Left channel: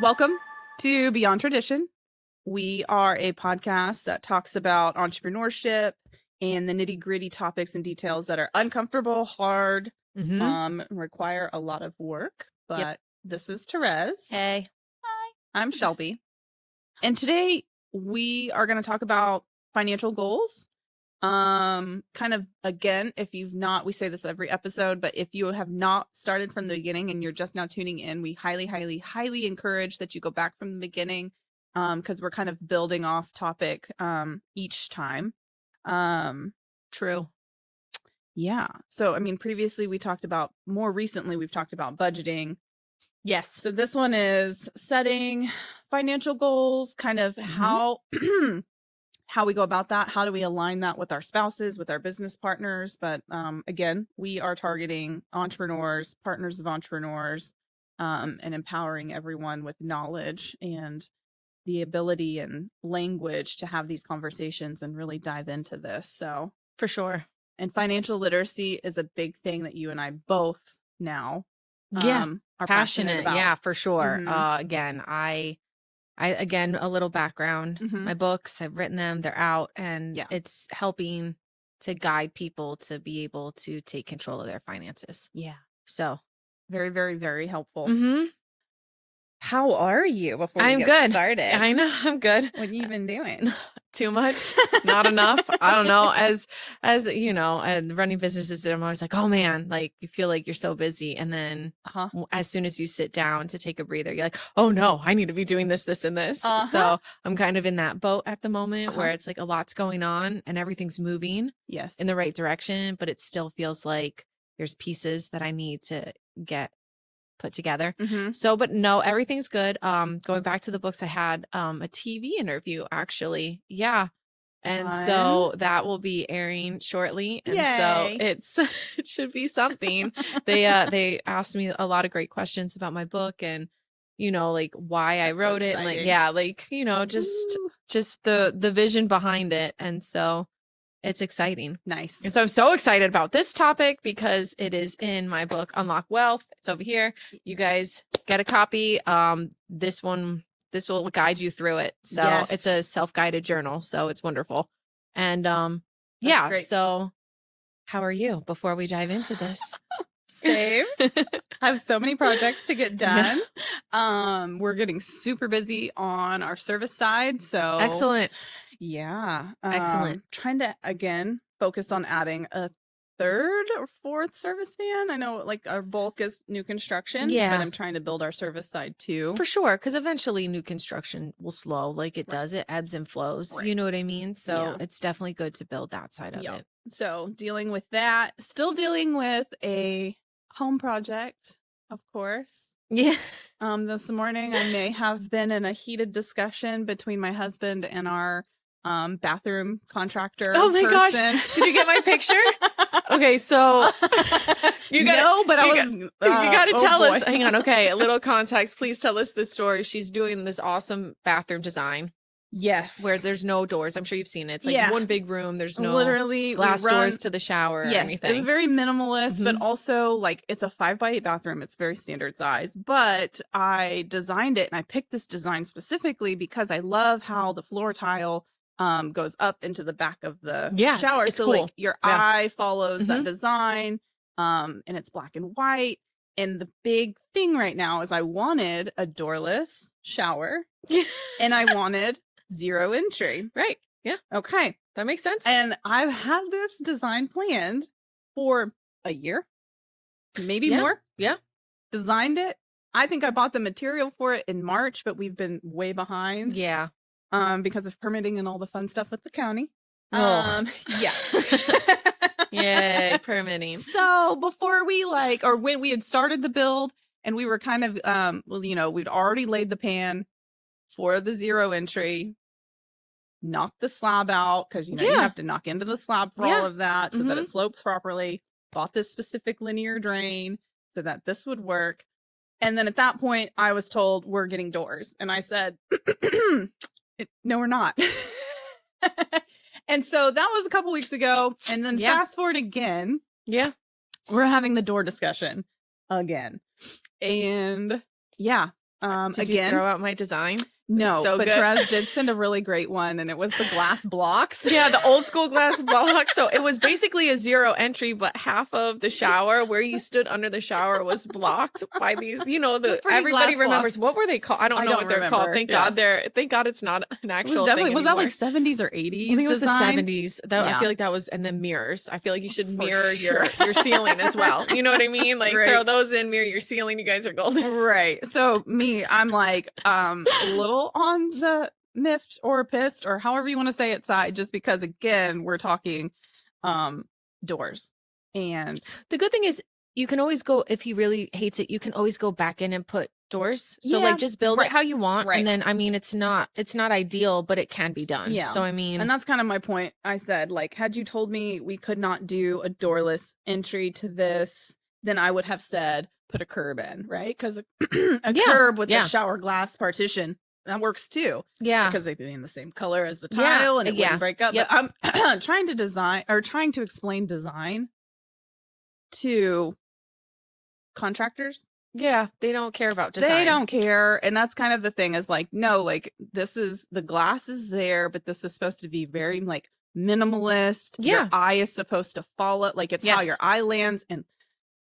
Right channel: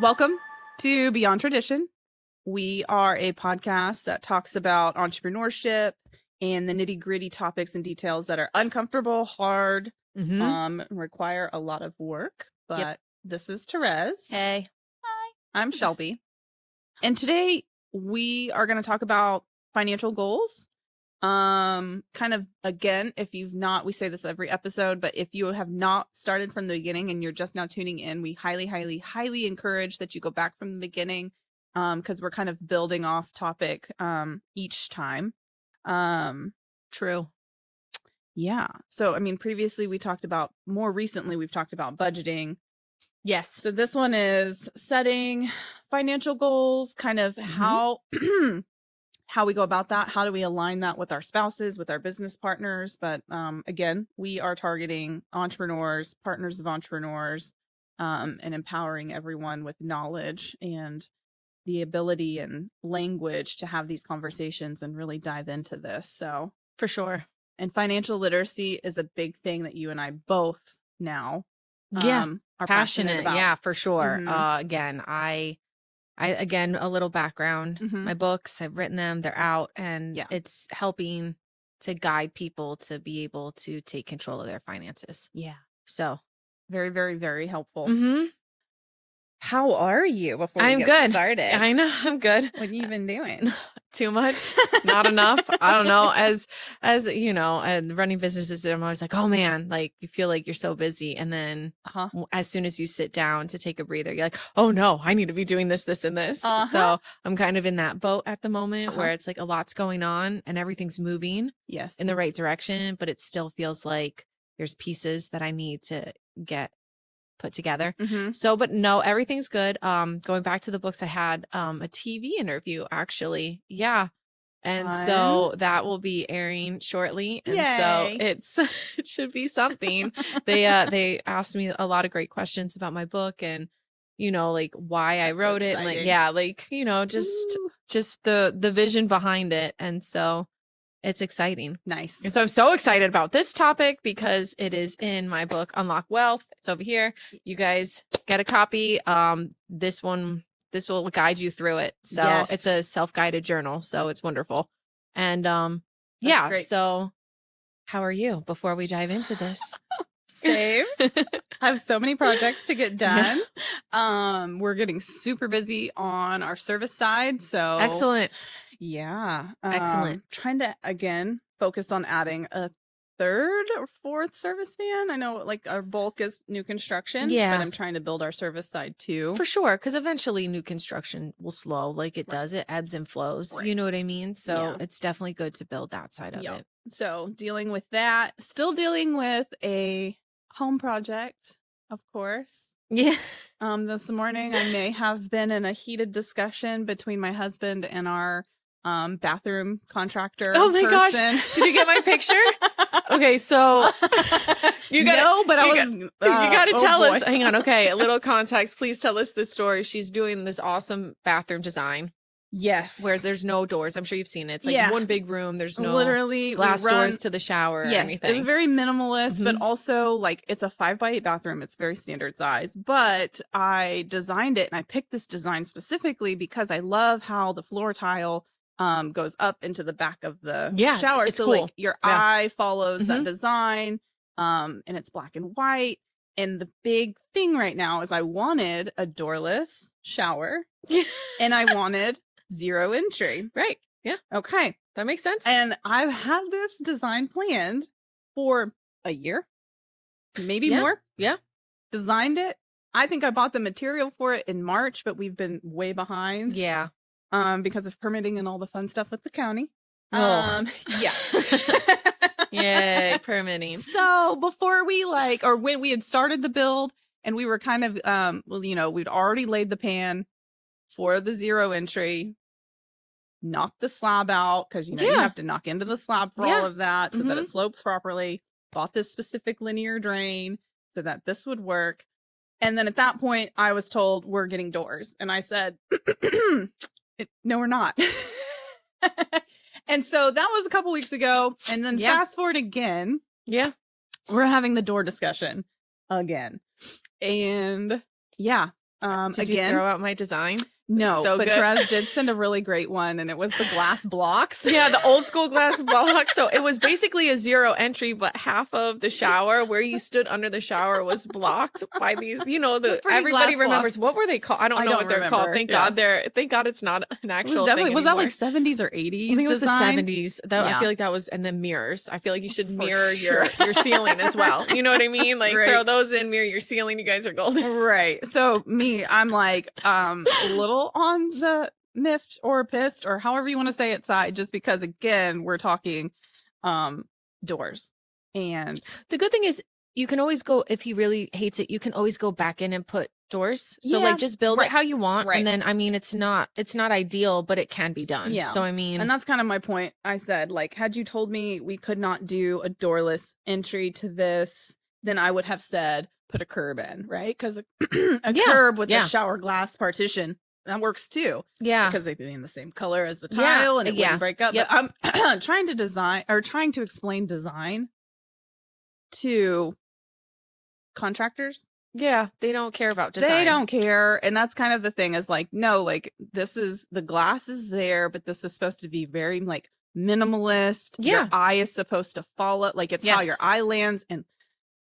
Welcome to Beyond Tradition. We are a podcast that talks about entrepreneurship and the nitty-gritty topics and details that are uncomfortable, hard, require a lot of work. But This is Therese. Hey. Hi. I'm Shelby. And today we are going to talk about financial goals. Kind of, again, if you've not, we say this every episode, but if you have not started from the beginning and you're just now tuning in, we highly encourage that you go back from the beginning, because we're kind of building off topic, each time. True. Yeah. So, I mean, more recently, we've talked about budgeting. Yes. So this one is setting financial goals, kind of how we go about that. How do we align that with our spouses, with our business partners? But again, we are targeting entrepreneurs, partners of entrepreneurs, and empowering everyone with knowledge and the ability and language to have these conversations and really dive into this. So For sure. And financial literacy is a big thing that you and I both now are passionate about. Yeah, for sure. Mhm. Again, a little background. Mhm. My books, I've written them, they're out, and Yeah. it's helping to guide people to be able to take control of their finances. Yeah. So, Very, very, very helpful. mm-hmm. How are you before we I'm get good. started? I know, I'm good. What have you been doing? Too much, not enough. I don't know. As you know, and running businesses, I'm always like, oh man, like you feel like you're so busy, and then as soon as you sit down to take a breather, you're like, oh no, I need to be doing this, this, and this. So I'm kind of in that boat at the moment where it's like a lot's going on and everything's moving in the right direction, but it still feels like there's pieces that I need to get put together. So, but no, everything's good. Going back to the books, I had a TV interview actually. Yeah. And so that will be airing shortly. And so it should be something. They asked me a lot of great questions about my book and, you know, like why I wrote it. Like, yeah, like, you know, just the vision behind it. And so it's exciting. Nice. And so I'm so excited about this topic because it is in my book, Unlock Wealth. It's over here. You guys get a copy. This will guide you through it. So it's a self-guided journal. So it's wonderful. And great. So how are you before we dive into this? Same. I have so many projects to get done. We're getting super busy on our service side. So Excellent. Yeah. Excellent. Trying to, again, focus on adding a third or fourth service van. I know, like, our bulk is new construction. Yeah. But I'm trying to build our service side, too. For sure, because eventually new construction will slow like it does. It ebbs and flows. Right. You know what I mean? So it's definitely good to build that side of it. So dealing with that. Still dealing with a home project, of course. Yeah. This morning, and they have been in a heated discussion between my husband and our bathroom contractor. Oh my gosh. Did you get my picture? Okay, so you gotta tell us. Hang on, okay, a little context. Please tell us this story. She's doing this awesome bathroom design. Yes. Where there's no doors. I'm sure you've seen it. It's like one big room. There's no literally glass doors to the shower or anything. It's very minimalist, but also like it's a 5x8 bathroom. It's very standard size. But I designed it and I picked this design specifically because I love how the floor tile goes up into the back of the shower. It's so cool. Like your eye follows that design. And it's black and white. And the big thing right now is I wanted a doorless shower and I wanted 0 entry. Right. Yeah. Okay. That makes sense. And I've had this design planned for a year, maybe more. Yeah. Designed it. I think I bought the material for it in March, but we've been way behind. Yeah. Because of permitting and all the fun stuff with the county. Yeah, permitting. So before when we had started the build and we were kind of, we'd already laid the pan for the 0 entry, knocked the slab out because you have to knock into the slab for all of that so that it slopes properly. Bought this specific linear drain so that this would work. And then at that point, I was told we're getting doors. And I said, no, we're not. And so that was a couple weeks ago. And then fast forward again. Yeah. We're having the door discussion again. And Did you again, throw out my design? no, So but good. Therese did send a really great one, and it was the glass blocks. Yeah, the old school glass block. So it was basically a zero entry, but half of the shower where you stood under the shower was blocked by these, you know, everybody glass remembers. What were they called? I don't know what they're remember. called. Thank Yeah. God it's not an actual thing Was that anymore. like 70s or 80s? I think it was design? the 70s. That I Yeah. feel like that was, and then mirrors. I feel like you should For mirror sure. your ceiling as well. You know what I mean? Like Right. throw those in, mirror your ceiling. You guys are golden. Right. So me, I'm like a little on the miffed or pissed or however you want to say it side, just because again we're talking doors. And The good thing is you can always go, if he really hates it, you can always go back in and put doors. So Yeah, like just build right. it how you want. Right. And then, I mean, it's not ideal, but it can be done. Yeah. So I mean, and that's kind of my point. I said, like, had you told me we could not do a doorless entry to this, then I would have said put a curb in, right? Because a curb with yeah. the shower glass partition, that works too. yeah. Because they'd be in the same color as the tile Yeah, and it yeah. wouldn't break up. Yep. But I'm trying to explain design to contractors. Yeah. They don't care about design. They don't care. And that's kind of the thing is like, no, like this is the glass is there, but this is supposed to be very like minimalist. Yeah. Your eye is supposed to follow, like it's how Yes. your eye lands,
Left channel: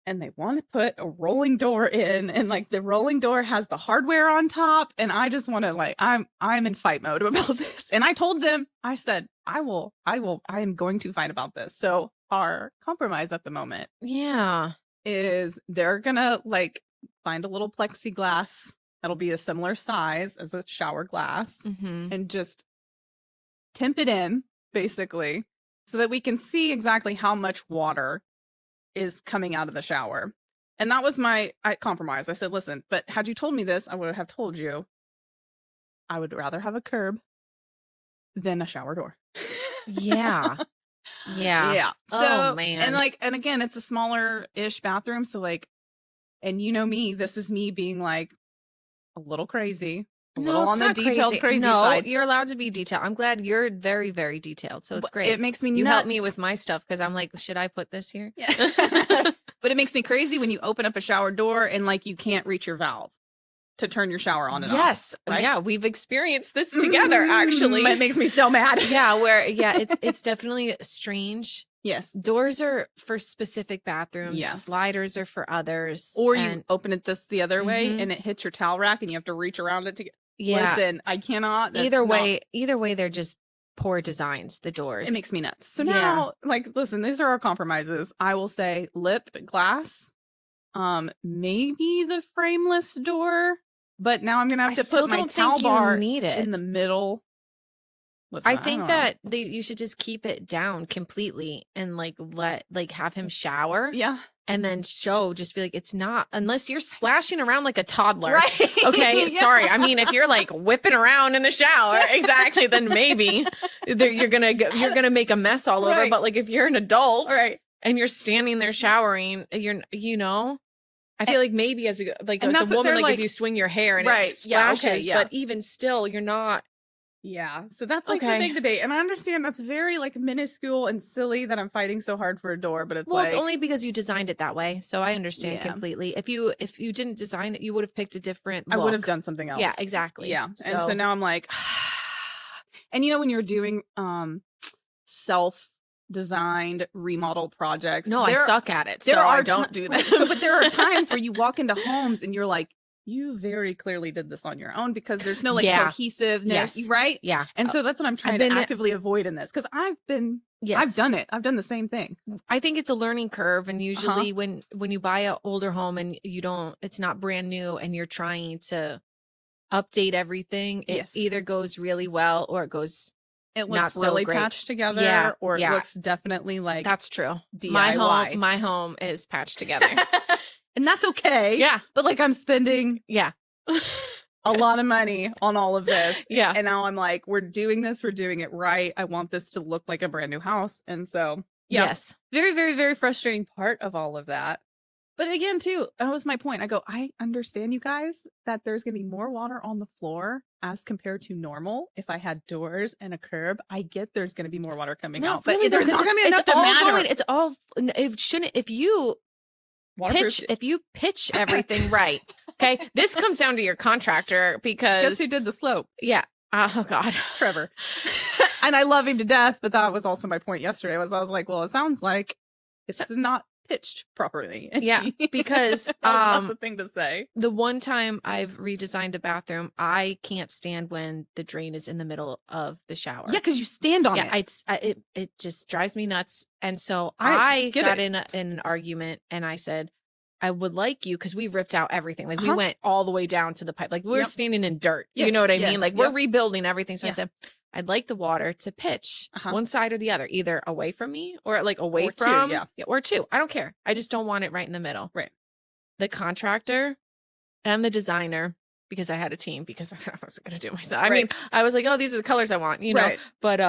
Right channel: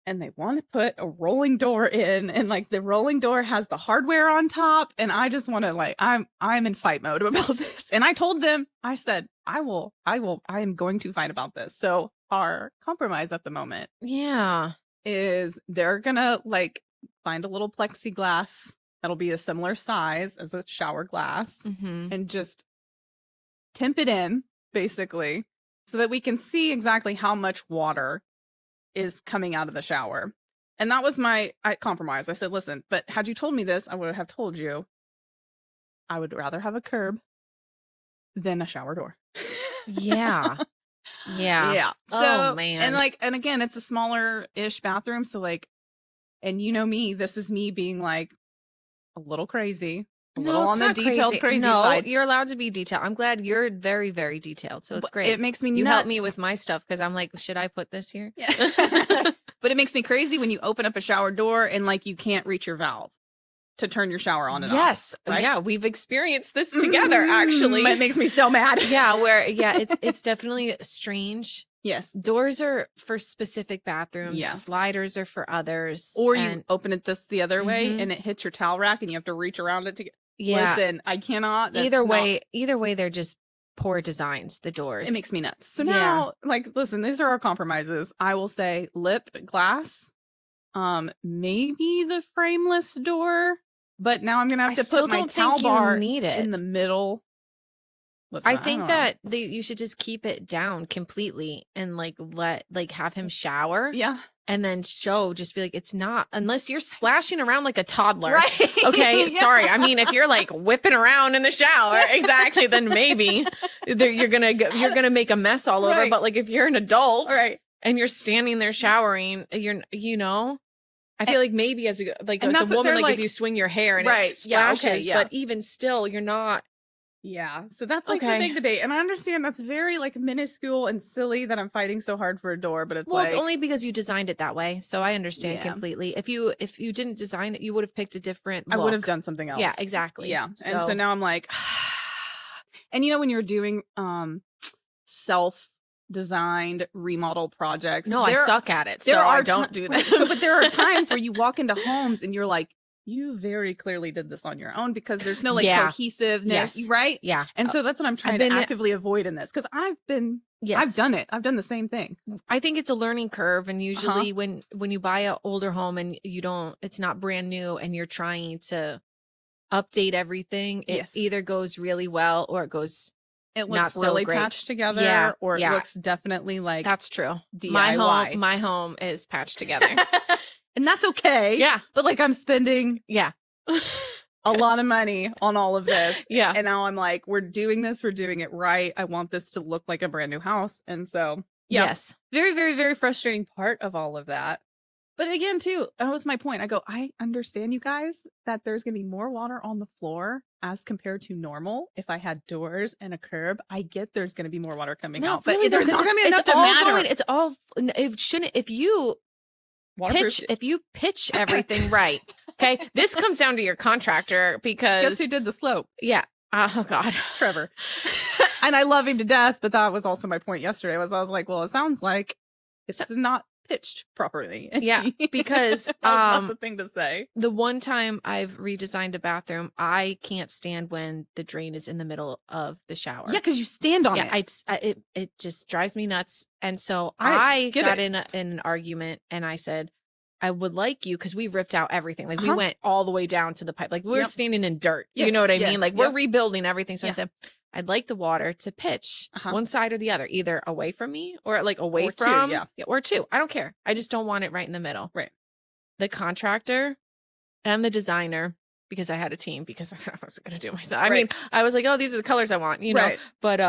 and they want to put a rolling door in, and like the rolling door has the hardware on top, and I just want to like I'm in fight mode about this. And I told them, I said, I am going to fight about this. So our compromise at the moment Yeah. is they're gonna like find a little plexiglass that'll be a similar size as a shower glass Mm-hmm. and just temp it in basically so that we can see exactly how much water is coming out of the shower. And that was my compromise. I said, listen, but had you told me this, I would have told you I would rather have a curb than a shower door. Yeah. Yeah. So, Oh, man. and again, it's a smaller-ish bathroom. So like, and you know me, this is me being like a little crazy, a little on the detailed crazy no, side. you're allowed to be detailed. I'm glad you're very, very detailed. So it's great. It makes me you nuts. help me with my stuff because I'm like, should I put this here? But it makes me crazy when you open up a shower door and like you can't reach your valve to turn your shower on and Yes. off. Right? Yeah, we've experienced this together actually. It makes me so mad. Yeah, it's definitely strange. Yes. Doors are for specific bathrooms. Yes. Sliders are for others. Or you open it the other way Mhm. and it hits your towel rack and you have to reach around it to get. Yeah. Listen, I cannot. that's Either not- way, they're just poor designs. The doors. It makes me nuts. So Yeah. now, like, listen, these are our compromises. I will say lip glass, maybe the frameless door, but now I'm gonna have to still put my don't towel think you bar need it. in the middle. Listen, I think don't know. that you should just keep it down completely and have him shower Yeah. and then just be like, it's not, unless you're splashing around like a toddler. Right. Okay, Yeah. sorry. I mean, if you're like whipping around in the shower, exactly, then maybe you're gonna make a mess all over. Right. But like if you're an adult, Right. and you're standing there showering, I feel like maybe as a And woman, that's what they're like like- if you swing your hair and Right. it Yeah, okay, splashes, yeah. but even still, you're not. Yeah. So that's like Okay. the big debate. And I understand that's very like minuscule and silly that I'm fighting so hard for a door, but it's Well, like, it's only because you designed it that way, so I understand Yeah. completely. If you didn't design it, you would have picked a different I would have look. done something else. Yeah, exactly. Yeah. And so now I'm like, and you know, when you're doing self-designed remodel projects, no, I there- suck at it, so there I are don't ti- do that. So, but there are times where you walk into homes and you're like, you very clearly did this on your own because there's no like Yeah. cohesiveness, Yes. right? Yeah. And so that's what I'm trying been- to actively avoid in this because I've Yes. done it. I've done the same thing. I think it's a learning curve, and usually when you buy an older home and it's not brand new and you're trying to update everything, it Yes. either goes really well or it goes. It Not looks so really great. patched together, Yeah, or it yeah. looks definitely like That's true. DIY. My home is patched together. And that's okay. Yeah. But like I'm spending Yeah. a lot of money on all of this. Yeah. And now I'm like, we're doing it right. I want this to look like a brand new house. And so, yeah, Yes. very, very, very frustrating part of all of that. But again, too, that was my point. I go, I understand you guys that there's going to be more water on the floor as compared to normal. If I had doors and a curb, I get there's going to be more water coming out. But there's not going to be enough to matter. It's all. It shouldn't. If you Water pitch everything right, Okay. This comes down to your contractor because. Guess who did the slope? Yeah. Oh, God. Trevor. And I love him to death, but that was also my point yesterday. I was like, well, it sounds like this is not pitched properly. Yeah, because that's the thing to say. the one time I've redesigned a bathroom, I can't stand when the drain is in the middle of the shower. Yeah, because you stand on it. It just drives me nuts. And so I get got it. in an argument, and I said, I would like you, because we ripped out everything. Like, we Uh-huh. went all the way down to the pipe. Like, we were Yep. standing in dirt. You know what I mean? Yes. Like, Yep. we're rebuilding everything. So I Yeah. said, I'd like the water to pitch Uh-huh. one side or the other, either away from me or like away Or two, from, yeah. or two. I don't care. I just don't want it right in the middle. Right. The contractor and the designer, because I had a team, because I wasn't going to do it myself. I mean, I was like, oh, these are the colors I want, you know. Right. But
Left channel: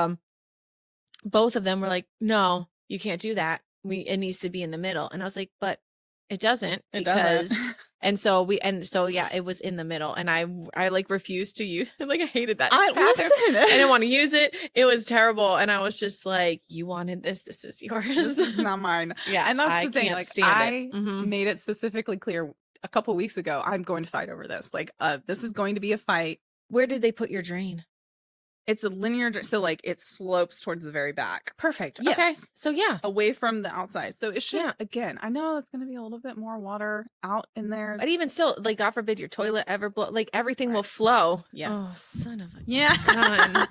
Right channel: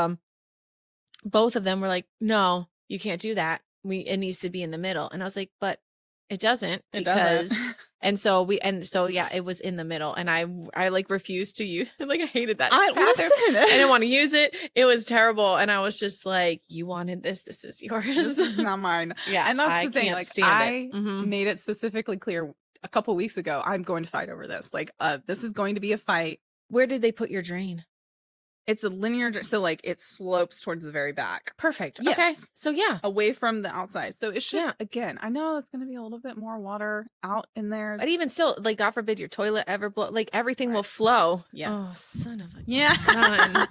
both of them were like, no, you can't do that. It needs to be in the middle. And I was like, but it doesn't. It doesn't. And so yeah, it was in the middle, and I like refused to use it. Like, I hated that. I I didn't want to use it. It was terrible. And I was just like, you wanted this is yours. This is not mine. Yeah. And that's I the thing. can't Like, stand it. I made it specifically clear a couple weeks ago. I'm going to fight over this. Like, this is going to be a fight. Where did they put your drain? It's a linear, so like it slopes towards the very back. Perfect. Yes. So yeah. Away from the outside. So it should, again, I know it's going to be a little bit more water out in there. But even still, like, God forbid your toilet ever blow, like, everything will flow. Yes. Oh, son of a. Yeah.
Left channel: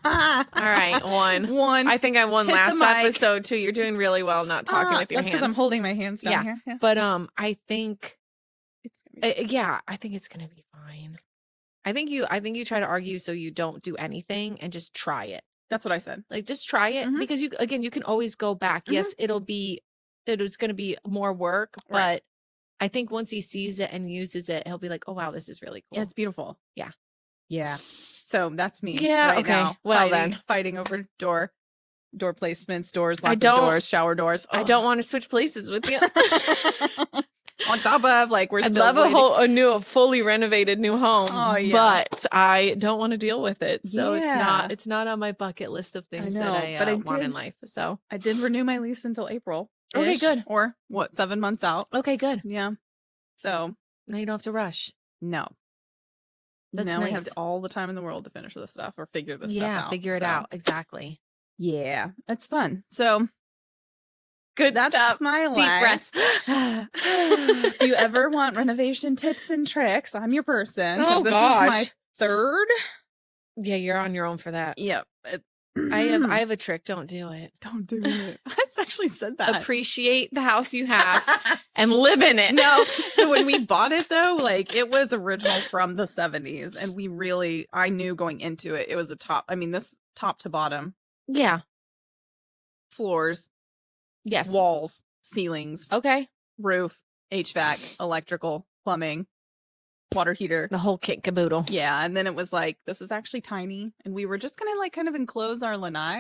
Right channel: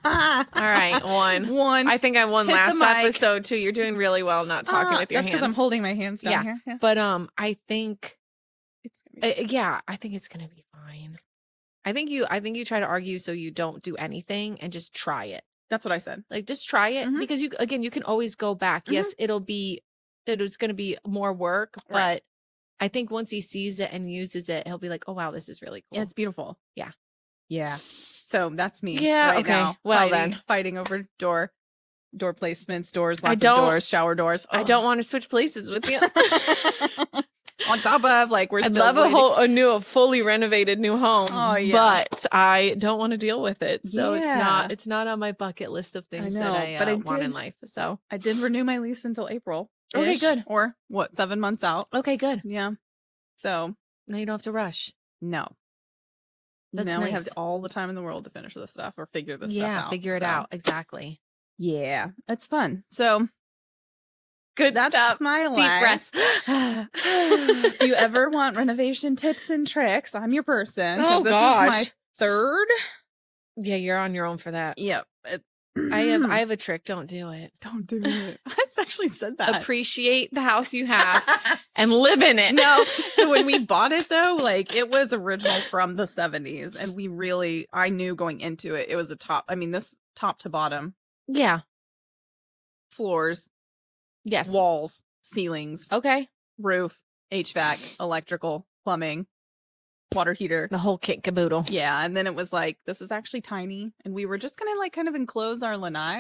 All right, one. I think I won Hit the last mic. episode too. You're doing really well not talking with your That's because hands. I'm holding my hands down here. Yeah. But I think It's gonna be I think it's gonna be fine. I think you try to argue so you don't do anything and just try it. That's what I said. Like, just try it, Mhm. because you can always go back. Mhm. Yes, it is gonna be more work, Right. but I think once he sees it and uses it, he'll be like, oh wow, this is really cool. Yeah, it's beautiful. Yeah. Yeah. So that's me. Yeah, right okay. now, Well, fighting over door placements, doors, I lock don't- doors, shower doors. I don't want to switch places with you. On top of, like, we're I'd still love waiting. a fully renovated new home. Oh, yeah. But I don't want to deal with it. So Yeah. it's not on my bucket list of things that know, I but I want in did- life. So I did renew my lease until April. Okay, good. Or what, 7 months out? okay, good. Yeah. So Now you don't have to rush. no. That's now I have nice. all the time in the world to finish this stuff or figure this stuff Yeah, out. figure it So, out. Exactly. Yeah. It's fun. So Good that's stuff. my Deep life. breaths. If you ever want renovation tips and tricks, I'm your person. Oh, This gosh. is my third. Yeah, you're on your own for that. Yeah. I have a trick. Don't do it. Don't do it. I actually said that. Appreciate the house you have and live in it. No. So when we bought it though, like, it was original from the 70s, and I knew going into it, it was this top to bottom, Yeah. floors, Yes. walls, ceilings, Okay. roof, HVAC, electrical, plumbing, water heater. The whole kit caboodle. Yeah, and then it was like, this is actually tiny, and we were just gonna like kind of enclose our lanai.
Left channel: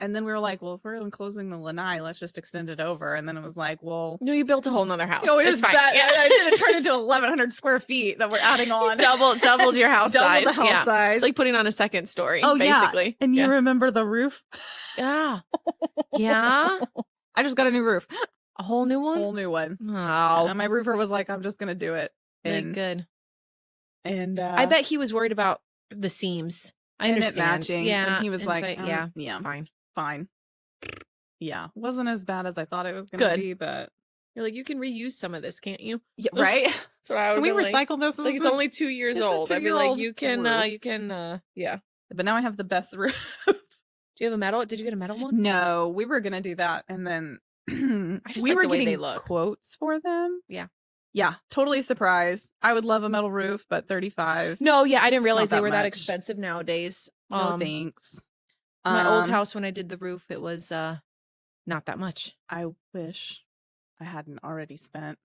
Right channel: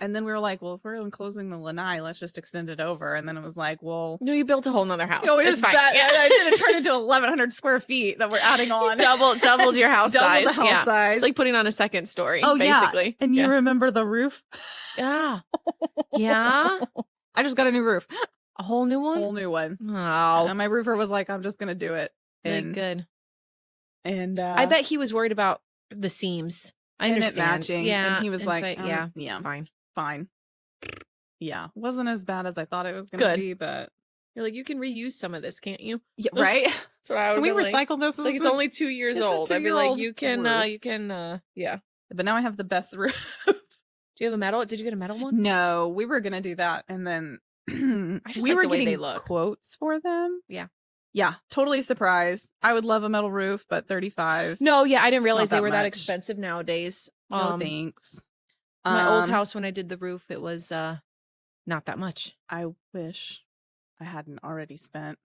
And then we were like, well, if we're enclosing the lanai, let's just extend it over. And then it was like, well, No, you built a whole nother house. no, it It's was fine. that. Yeah. I did it turned into 1,100 square feet that we're adding on. Doubled your house Double size. the house Yeah. size. It's like putting on a second story. Oh, yeah. basically. And yeah. you remember the roof? Yeah. Yeah. I just got a new roof, A whole new one? whole new one. No. And my roofer was like, I'm just gonna do it. And Good. and I bet he was worried about the seams. I and it understand. matching. Yeah. And he was It's like, yeah, yeah, fine. fine. Yeah, wasn't as bad as I thought it was gonna Good. be, but You're like, you can reuse some of this, can't you? yeah, right. That's what I would Can we be like. recycle this? It's like, it's only 2 years It's a old. I'd be like, 2-year-old you can, roof. yeah. But now I have the best roof. Do you have a metal? Did you get a metal one? No, we were gonna do that, and then I just we like were the way they getting look. quotes for them. Yeah. Yeah, totally surprised. I would love a metal roof, but 35. No, yeah, I didn't realize Not they were that that much. expensive nowadays. No thanks. My old house, when I did the roof, it was not that much. I wish I hadn't already spent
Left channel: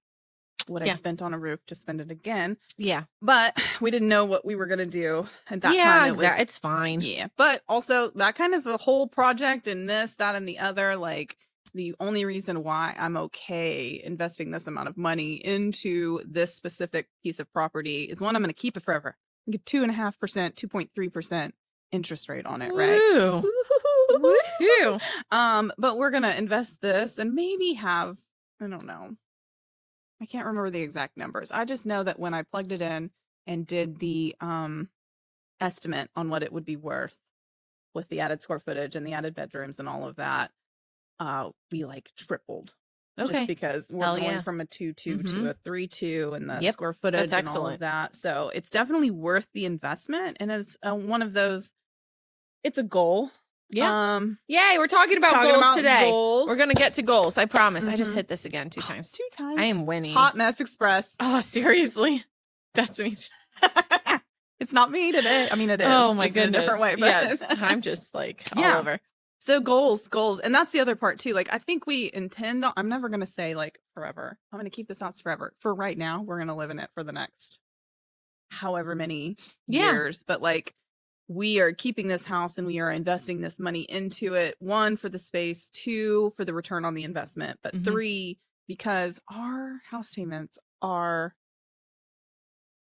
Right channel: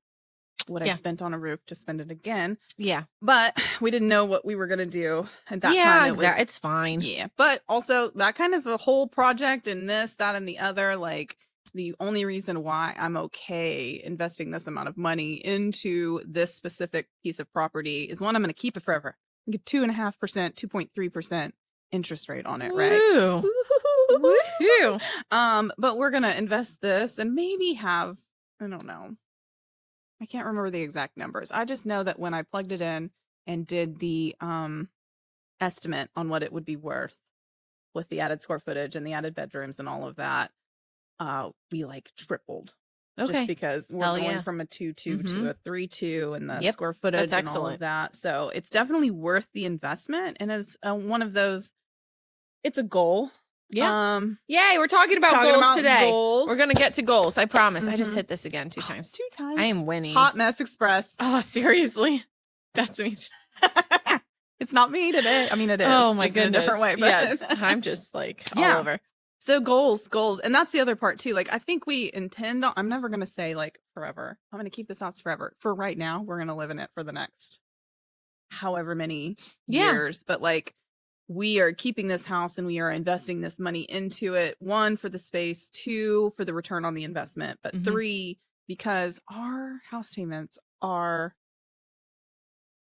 what I Yeah. spent on a roof to spend it again. Yeah. But we didn't know what we were gonna do at that Yeah, time. It was- exactly. It's fine. Yeah, but also that kind of a whole project and this, that, and the other, like, the only reason why I'm okay investing this amount of money into this specific piece of property is one, I'm going to keep it forever. I get 2.5%, 2.3% interest rate on it, right? Ooh. Woohoo. But we're going to invest this and maybe have, I don't know, I can't remember the exact numbers. I just know that when I plugged it in and did the estimate on what it would be worth with the added square footage and the added bedrooms and all of that, we like tripled. Okay. Just because we're Hell going yeah. from a 2.2 to a 3.2 and the Yep, square footage that's and all of excellent. that. So it's definitely worth the investment. And it's one of those, it's a goal. Yeah. Yay, we're talking about goals today. Goals. We're going to get to goals. I promise. I just Mhm. hit this again 2 times. 2 times. I am winning. Hot Mess Express. Oh, seriously? That's me. It's not me today. I mean, it is. Oh my just in a goodness. different way. But Yes. I'm just like all Yeah. over. So goals. And that's the other part too. Like, I think we intend on, I'm never going to say like forever. I'm going to keep this house forever. For right now, we're going to live in it for the next however many years. But like, we are keeping this house and we are investing this money into it. 1, for the space, 2, for the return on the investment, but 3, because our house payments are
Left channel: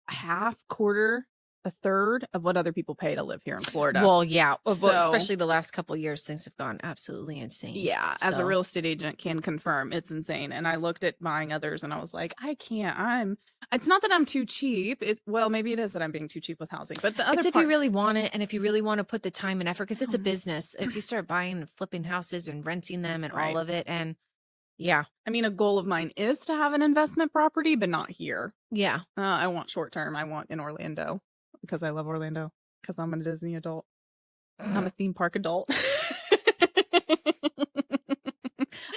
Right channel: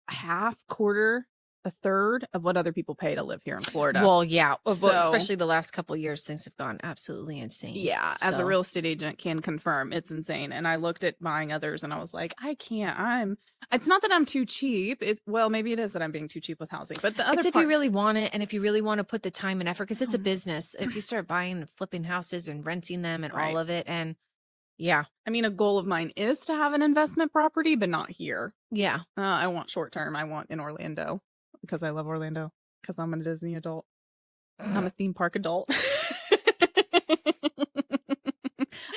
a half, quarter, a third of what other people pay to live here in Florida. Well, yeah. So- Especially the last couple of years, things have gone absolutely insane. Yeah, as a So- real estate agent can confirm, it's insane. And I looked at buying others and I was like, I can't. It's not that I'm too cheap. Well, maybe it is that I'm being too cheap with housing. But the other It's if part, you really want it and if you really want to put the time and effort, because it's a Mhm. business. If you start buying and flipping houses and renting them and Right. all of it, and yeah. I mean, a goal of mine is to have an investment property, but not here. Yeah. I want short term. I want in Orlando because I love Orlando because I'm a Disney adult. I'm a theme park adult.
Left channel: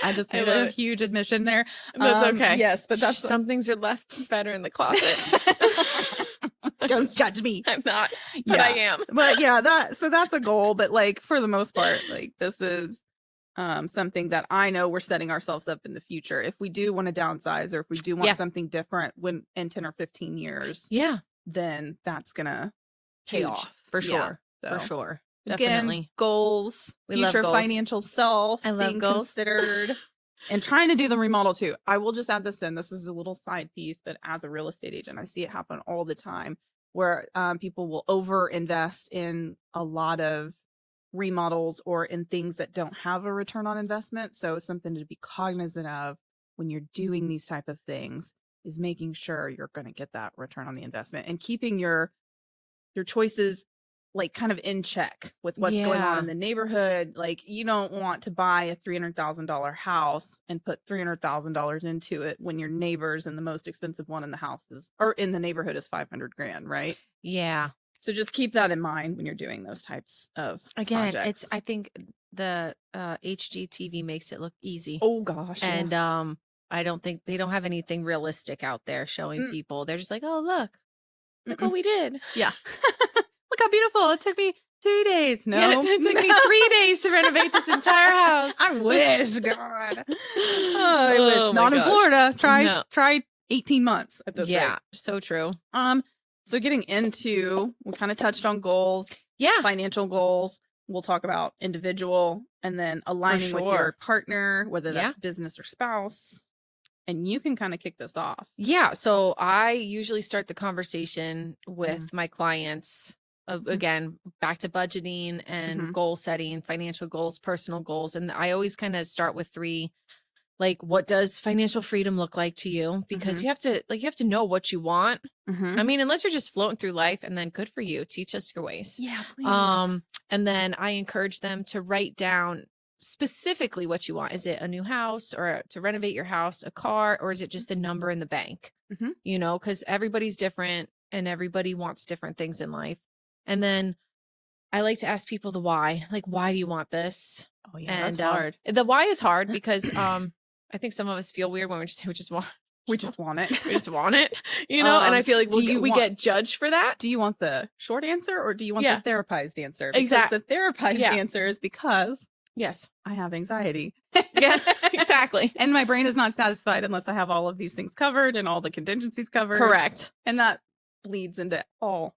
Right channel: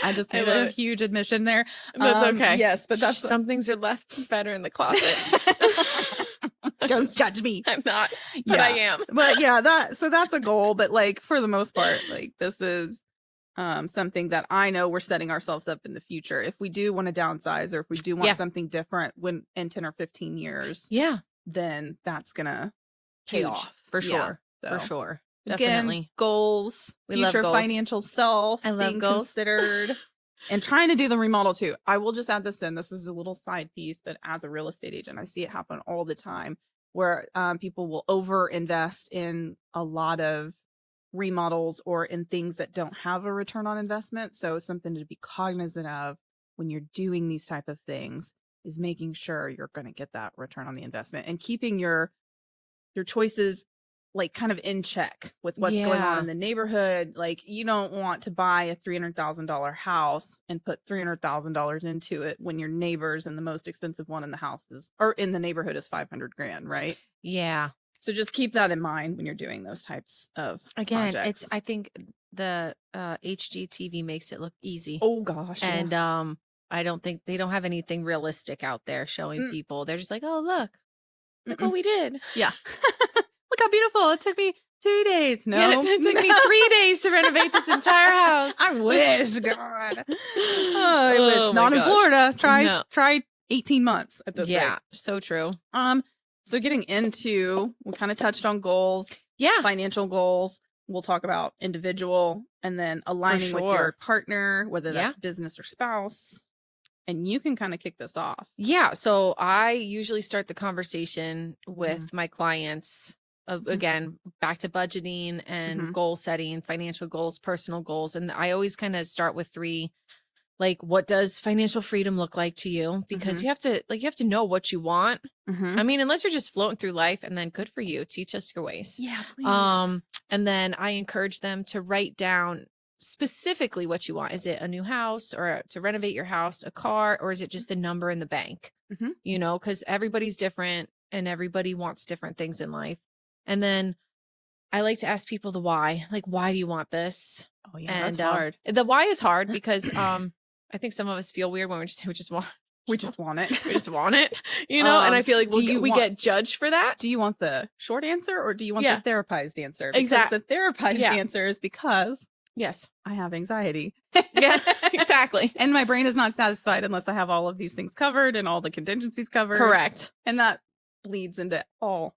I just made a huge admission there. That's okay. Yes, but that's some things are left better in the closet. Don't judge me. I'm not, but I am. Well, yeah, that's a goal, but like for the most part, like this is something that I know we're setting ourselves up in the future. If we do want to downsize or if we do want something different in 10 or 15 years, Yeah. then that's gonna pay Huge. off. For Yeah, sure. so. For sure. Again, Definitely. goals, We love future goals. financial self, I love being goals. considered, and trying to do the remodel too. I will just add this in. This is a little side piece, but as a real estate agent, I see it happen all the time where people will over invest in a lot of remodels or in things that don't have a return on investment. So something to be cognizant of when you're doing these type of things is making sure you're going to get that return on the investment and keeping your choices like kind of in check with what's going on in the neighborhood. Like, you don't want to buy a $300,000 house and put $300,000 into it when your neighbors and the most expensive one in the house is, or in the neighborhood is $500,000, right? Yeah. So just keep that in mind when you're doing those types of projects. I think the HGTV makes it look easy. Oh gosh. And I don't think they don't have anything realistic out there showing people. They're just like, oh, look what we did. Yeah. Look how beautiful. It took me 2 days. No. It took me 3 days to renovate this entire house. I wish. God. Oh, Not in Florida. Try 18 months at this rate. Yeah, so true. So getting into, we kind of touched on goals. Yeah. Financial goals. We'll talk about individual and then aligning with your partner, whether that's business or spouse. And you can kind of kick this off. Yeah. So I usually start the conversation with my clients. Again, back to budgeting and goal setting, financial goals, personal goals. And I always kind of start with 3, like, what does financial freedom look like to you? Because you have to know what you want. I mean, unless you're just floating through life, and then good for you. Teach us your ways. Yeah. Please. And then I encourage them to write down specifically what you want. Is it a new house or to renovate your house, a car, or is it just a number in the bank? You know, because everybody's different and everybody wants different things in life. And then I like to ask people the why. Like, why do you want this? Oh yeah, and that's hard. The why is hard because I think some of us feel weird when we just want We just want it. we just want it, you know. And I feel like we want- get judged for that. Do you want the short answer or do you want the therapized answer? Because Exactly. the therapized answer is because Yes. I have anxiety. Yeah. Exactly. And my brain is not satisfied unless I have all of these things covered and all the contingencies covered. Correct. And that bleeds into all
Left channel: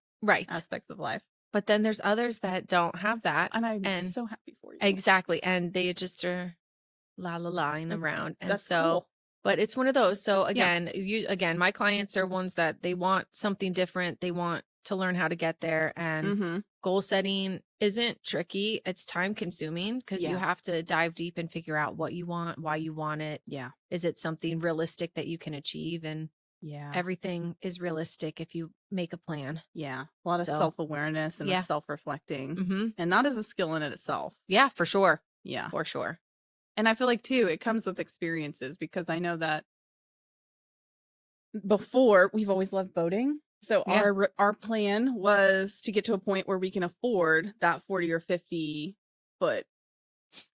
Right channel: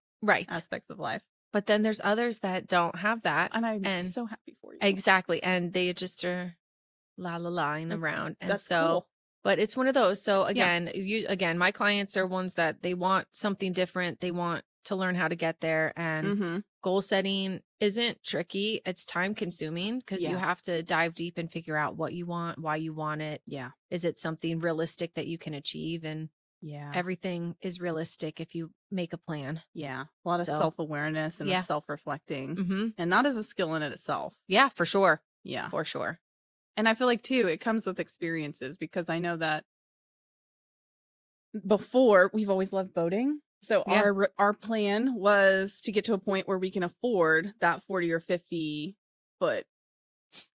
aspects of life. But then there's others that don't have that. And I'm so happy for you. Exactly. And they just are la-la-laing around. And That's so, cool. but it's one of those. So again, my clients are ones that they want something different. They want to learn how to get there. And Mm-hmm. goal setting isn't tricky. It's time consuming because you Yeah. have to dive deep and figure out what you want, why you want it. Yeah. Is it something realistic that you can achieve? And Yeah. everything is realistic if you make a plan. Yeah. A lot of So, self-awareness and yeah. self-reflecting. Mm-hmm. And that is a skill in it itself. Yeah, for sure. Yeah. For sure. And I feel like, too, it comes with experiences because I know that before we've always loved boating. So Yeah. our plan was to get to a point where we can afford that 40 or 50 foot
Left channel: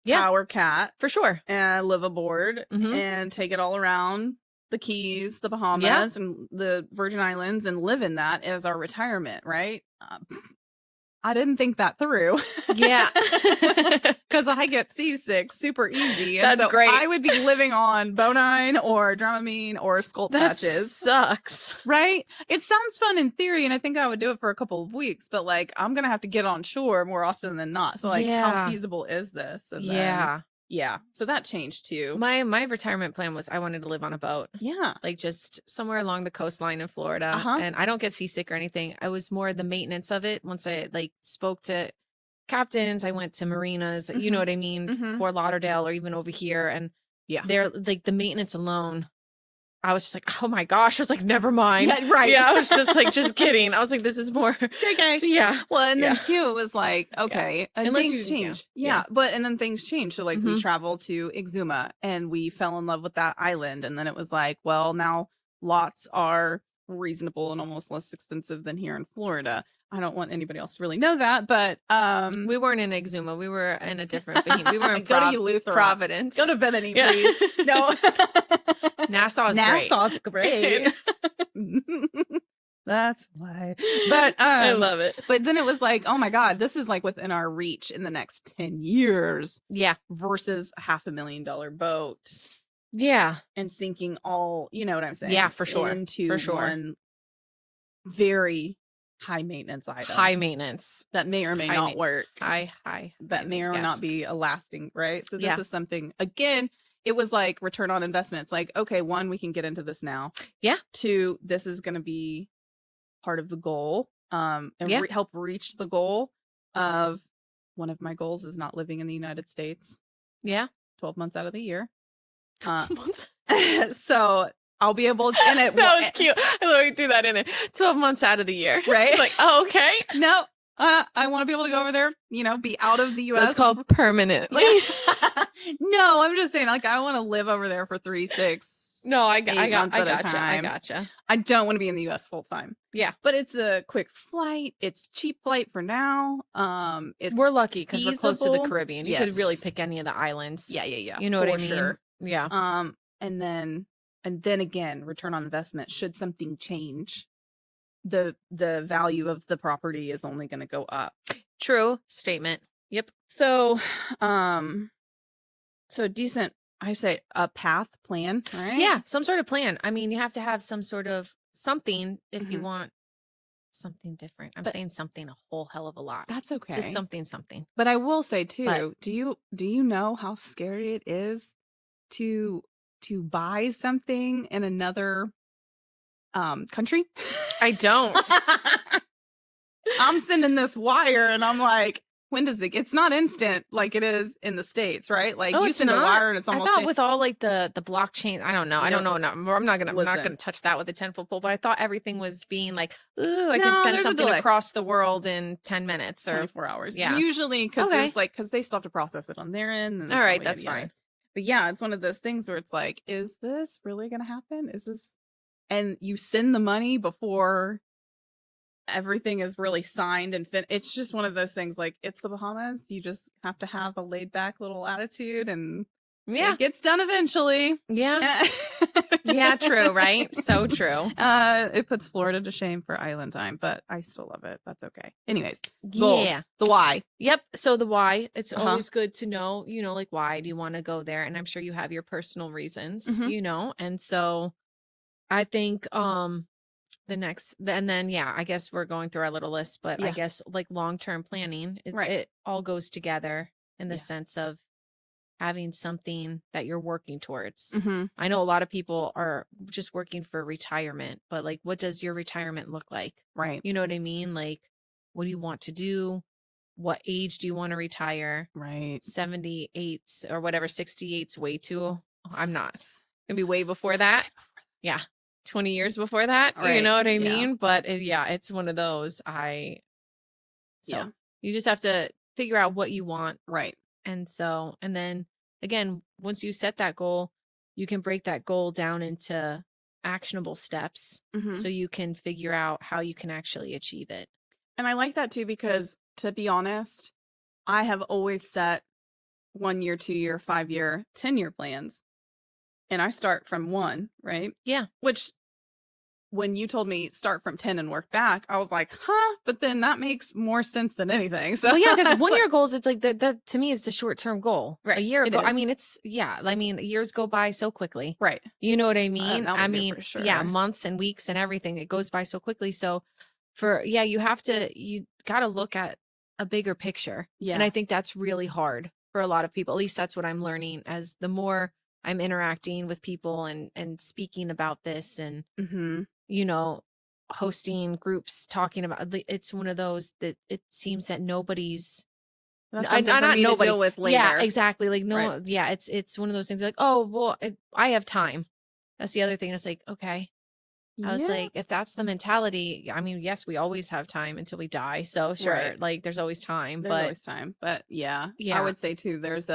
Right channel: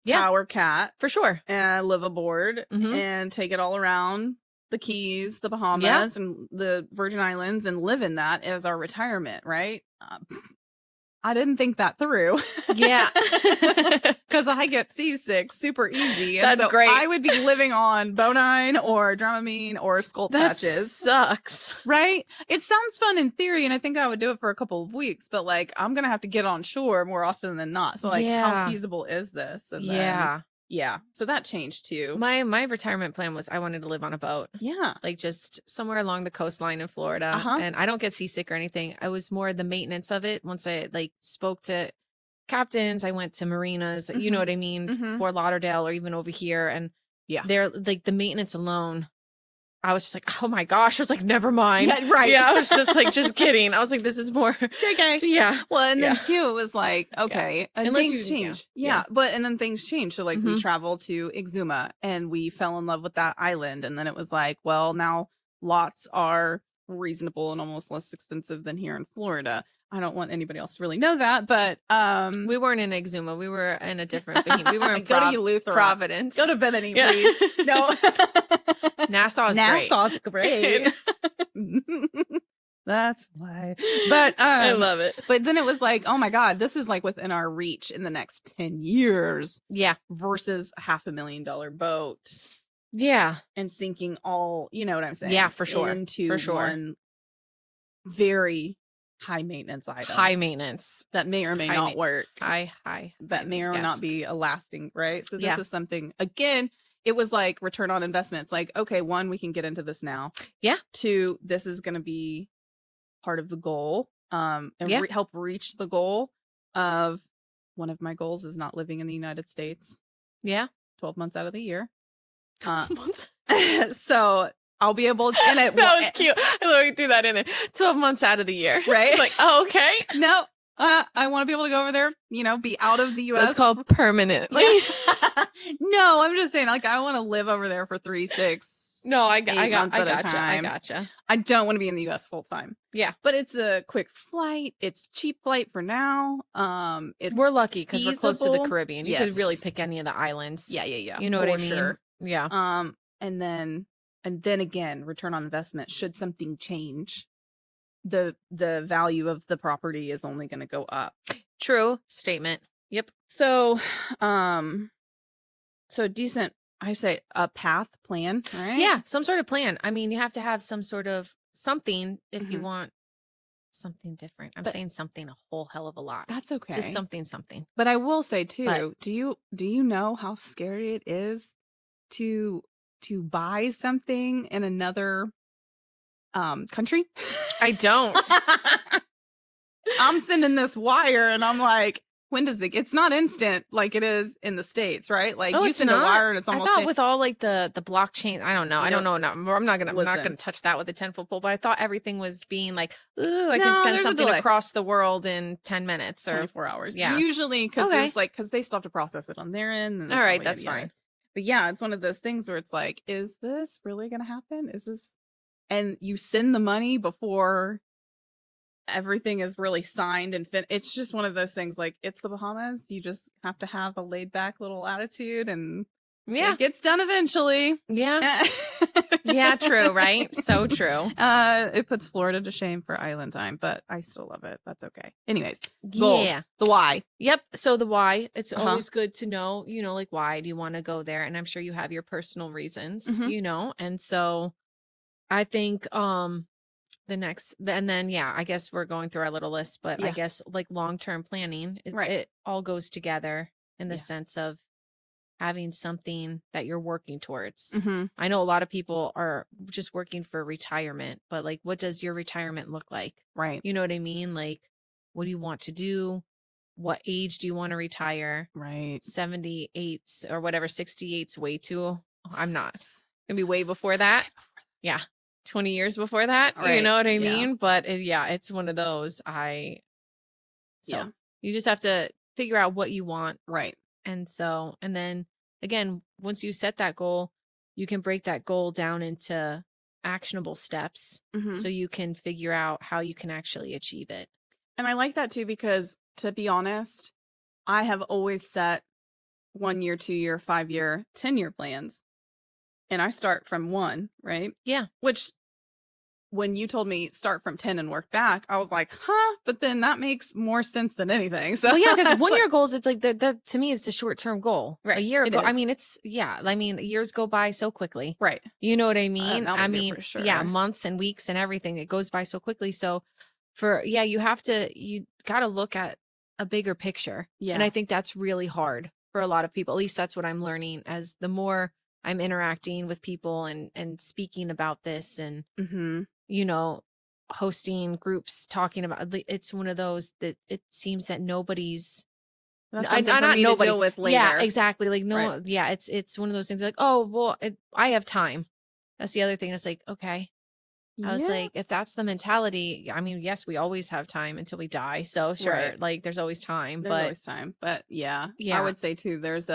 Yeah. power cat For sure. and live aboard Mhm. and take it all around the Keys, the Bahamas, and the Virgin Islands and live in that as our retirement, right? I didn't think that through. Yeah. Because I get seasick super easy. That's so great. I would be living on bonine or Dramamine or skull That patches. sucks. Right? It sounds fun in theory, and I think I would do it for a couple of weeks, but like I'm gonna have to get on shore more often than not. So like, Yeah. how feasible is this? And Yeah. yeah. So that changed too. My retirement plan was I wanted to live on a boat. Yeah. Like just somewhere along the coastline of Florida. Uh-huh. And I don't get seasick or anything. I was more the maintenance of it. Once I like spoke to captains, I went to marinas, you know what I mean? Mhm. Fort Lauderdale or even over here. And Yeah. they're like the maintenance alone. I was just like, oh my gosh. I was like, never mind. Right. Yeah, I was just like, just kidding. I was like, this is more. Okay. Yeah. Well, and then too, it was like, okay, and Unless things you- change. yeah. Yeah, but and then things change. So like we traveled to Exuma and we fell in love with that island, and then it was like, well, now lots are reasonable and almost less expensive than here in Florida. I don't want anybody else to really know that, but We weren't in Exuma. We were in a different. We were in Goody Lutheran. Providence. Could have been any Yeah. place. No, Nassau is great. Nassau's great. That's why. But I love it. But then it was like, oh my God, this is like within our reach in the next 10 years Yeah. versus a $500,000 boat Yeah. and sinking all, you know what I'm saying? Yeah, for sure. Into For sure. one very high maintenance item. High maintenance. That may or may High not ma- work. High. That may or may Yes. not be a lasting, right? So this Yeah. is something, again, it was like return on investment. It's like, okay, one, we can get into this now. Yeah. Two, this is going to be part of the goal and Yeah. help reach the goal of one of my goals is not living in the United States Yeah. 12 months out of the year. So I'll be able to, and it, That was cute. Let me do that in there. 12 months out of the year. right? Like, oh, okay. No, I want to be able to go over there, you know, be out of the U.S. That's called permanent. Yeah. No, I'm just saying, like, I want to live over there for 3, 6. No, I gotcha. I don't want to be in the U.S. full time. Yeah. But it's a quick flight. It's a cheap flight for now. We're lucky because we're close to the feasible. Caribbean. You Yes. could really pick any of the islands. Yeah. You know for what I mean? sure. Yeah. And then again, return on investment. Should something change, the value of the property is only going to go up. True statement. Yep. So, so decent. I say a path plan, right? Yeah, some sort of plan. I mean, you have to have some sort of something if you Mhm. want something different. I'm But- saying something a whole hell of a lot. That's okay. Just something. But I will say too, But- do you know how scary it is to buy something in another country? I don't. I'm sending this wire and I'm like, when does it? It's not instant like it is in the States, right? Like Oh, you it's send a not? wire and it's I almost thought like, with all like the blockchain, I don't know. I don't know. I'm not gonna Listen. touch that with the 10-foot pole. But I thought everything was being like, ooh, I No, can send there's a something delay. across the world in 10 minutes or 24 hours. Yeah. Usually because Okay. there's like, because they still have to process it on their end. and all right, then that's yeah. fine. But yeah, it's one of those things where it's like, is this really going to happen? Is this? And you send the money before everything is really signed and fit. It's just one of those things like, it's the Bahamas. You just have to have a laid back little attitude and Yeah. it gets done eventually. Yeah. Yeah, true, right? So true. It puts Florida to shame for island time, but I still love it. That's okay. Anyways, goals. Yeah. The why. Yep. So the why, it's Uh-huh. always good to know, like why do you want to go there? And I'm sure you have your personal reasons, Mhm. And so I think and then yeah, I guess we're going through our little list, but I Yeah. guess like long-term planning, it Right. all goes together in the sense of having something that you're working towards. Mm-hmm. I know a lot of people are just working for retirement, but like, what does your retirement look like? Right. You know what I mean? Like, what do you want to do? What age do you want to retire? Right. 78 or whatever, 68's way too. I'm not. Gonna be way before that. Yeah. 20 years before that. Right. You know what I Yeah. mean? But yeah, it's one of those. So Yeah. you just have to figure out what you want. Right. And then again, once you set that goal, you can break that goal down into actionable steps Mm-hmm. so you can figure out how you can actually achieve it. And I like that too, because to be honest, I have always set 1 year, 2 year, 5 year, 10-year plans. And I start from 1, right? Yeah. Which, when you told me start from 10 and work back, I was like, huh? But then that makes more sense than anything. So yeah, because 1 year goals, it's like to me, it's a short-term goal. Right. A year It ago, is. I mean, years go by so quickly. Right. You know what I mean? I mean, for sure. Yeah, months and weeks and everything, it goes by so quickly. So you got to look at a bigger picture. Yeah. And I think that's really hard for a lot of people. At least that's what I'm learning as the more I'm interacting with people and speaking about this and, Mm-hmm. you know, hosting groups talking about it's one of those that it seems that nobody's That's something for me to deal with later. Yeah, exactly. Like, no, Right. yeah, it's one of those things like, oh, well, I have time. That's the other thing. It's like, okay. I was like, if that's the mentality, I mean, yes, we always have time until we die. So sure, Right. like there's always time. There's always time. But yeah, Yeah. I would say too, there's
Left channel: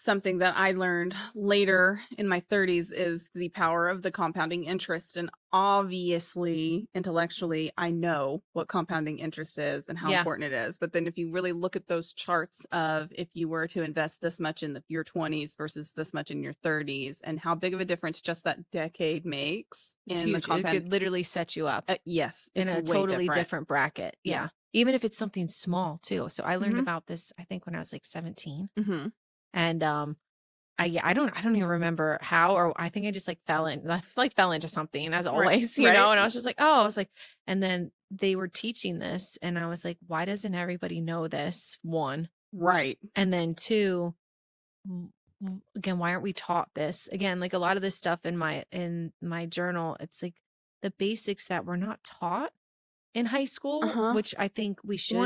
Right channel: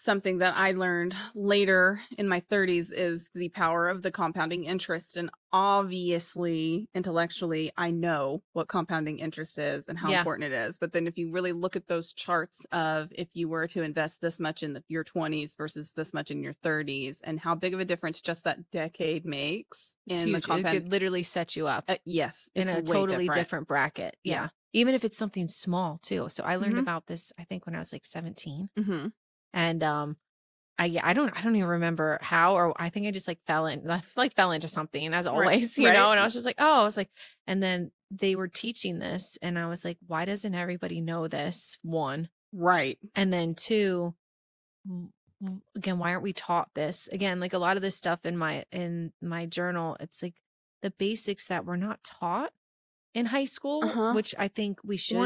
something that I learned later in my 30s is the power of the compounding interest. And obviously, intellectually, I know what compounding interest is and how important it is. But then if you really look at those charts of if you were to invest this much in your 20s versus this much in your 30s and how big of a difference just that decade makes. It's in the huge. It could literally set you up Yes. in It's a way totally different. different bracket. Yeah. Yeah. Even if it's something small too. So I learned Mhm. about this, I think when I was like 17. Mm-hmm. And I don't even remember how, or I think I just like fell into something as always, you know, and I was just like, oh, it's like, and then they were teaching this and I was like, why doesn't everybody know this? 1. Right. And then 2, again, why aren't we taught this? Again, like a lot of this stuff in my journal, it's like the basics that we're not taught in high school, which I think we should.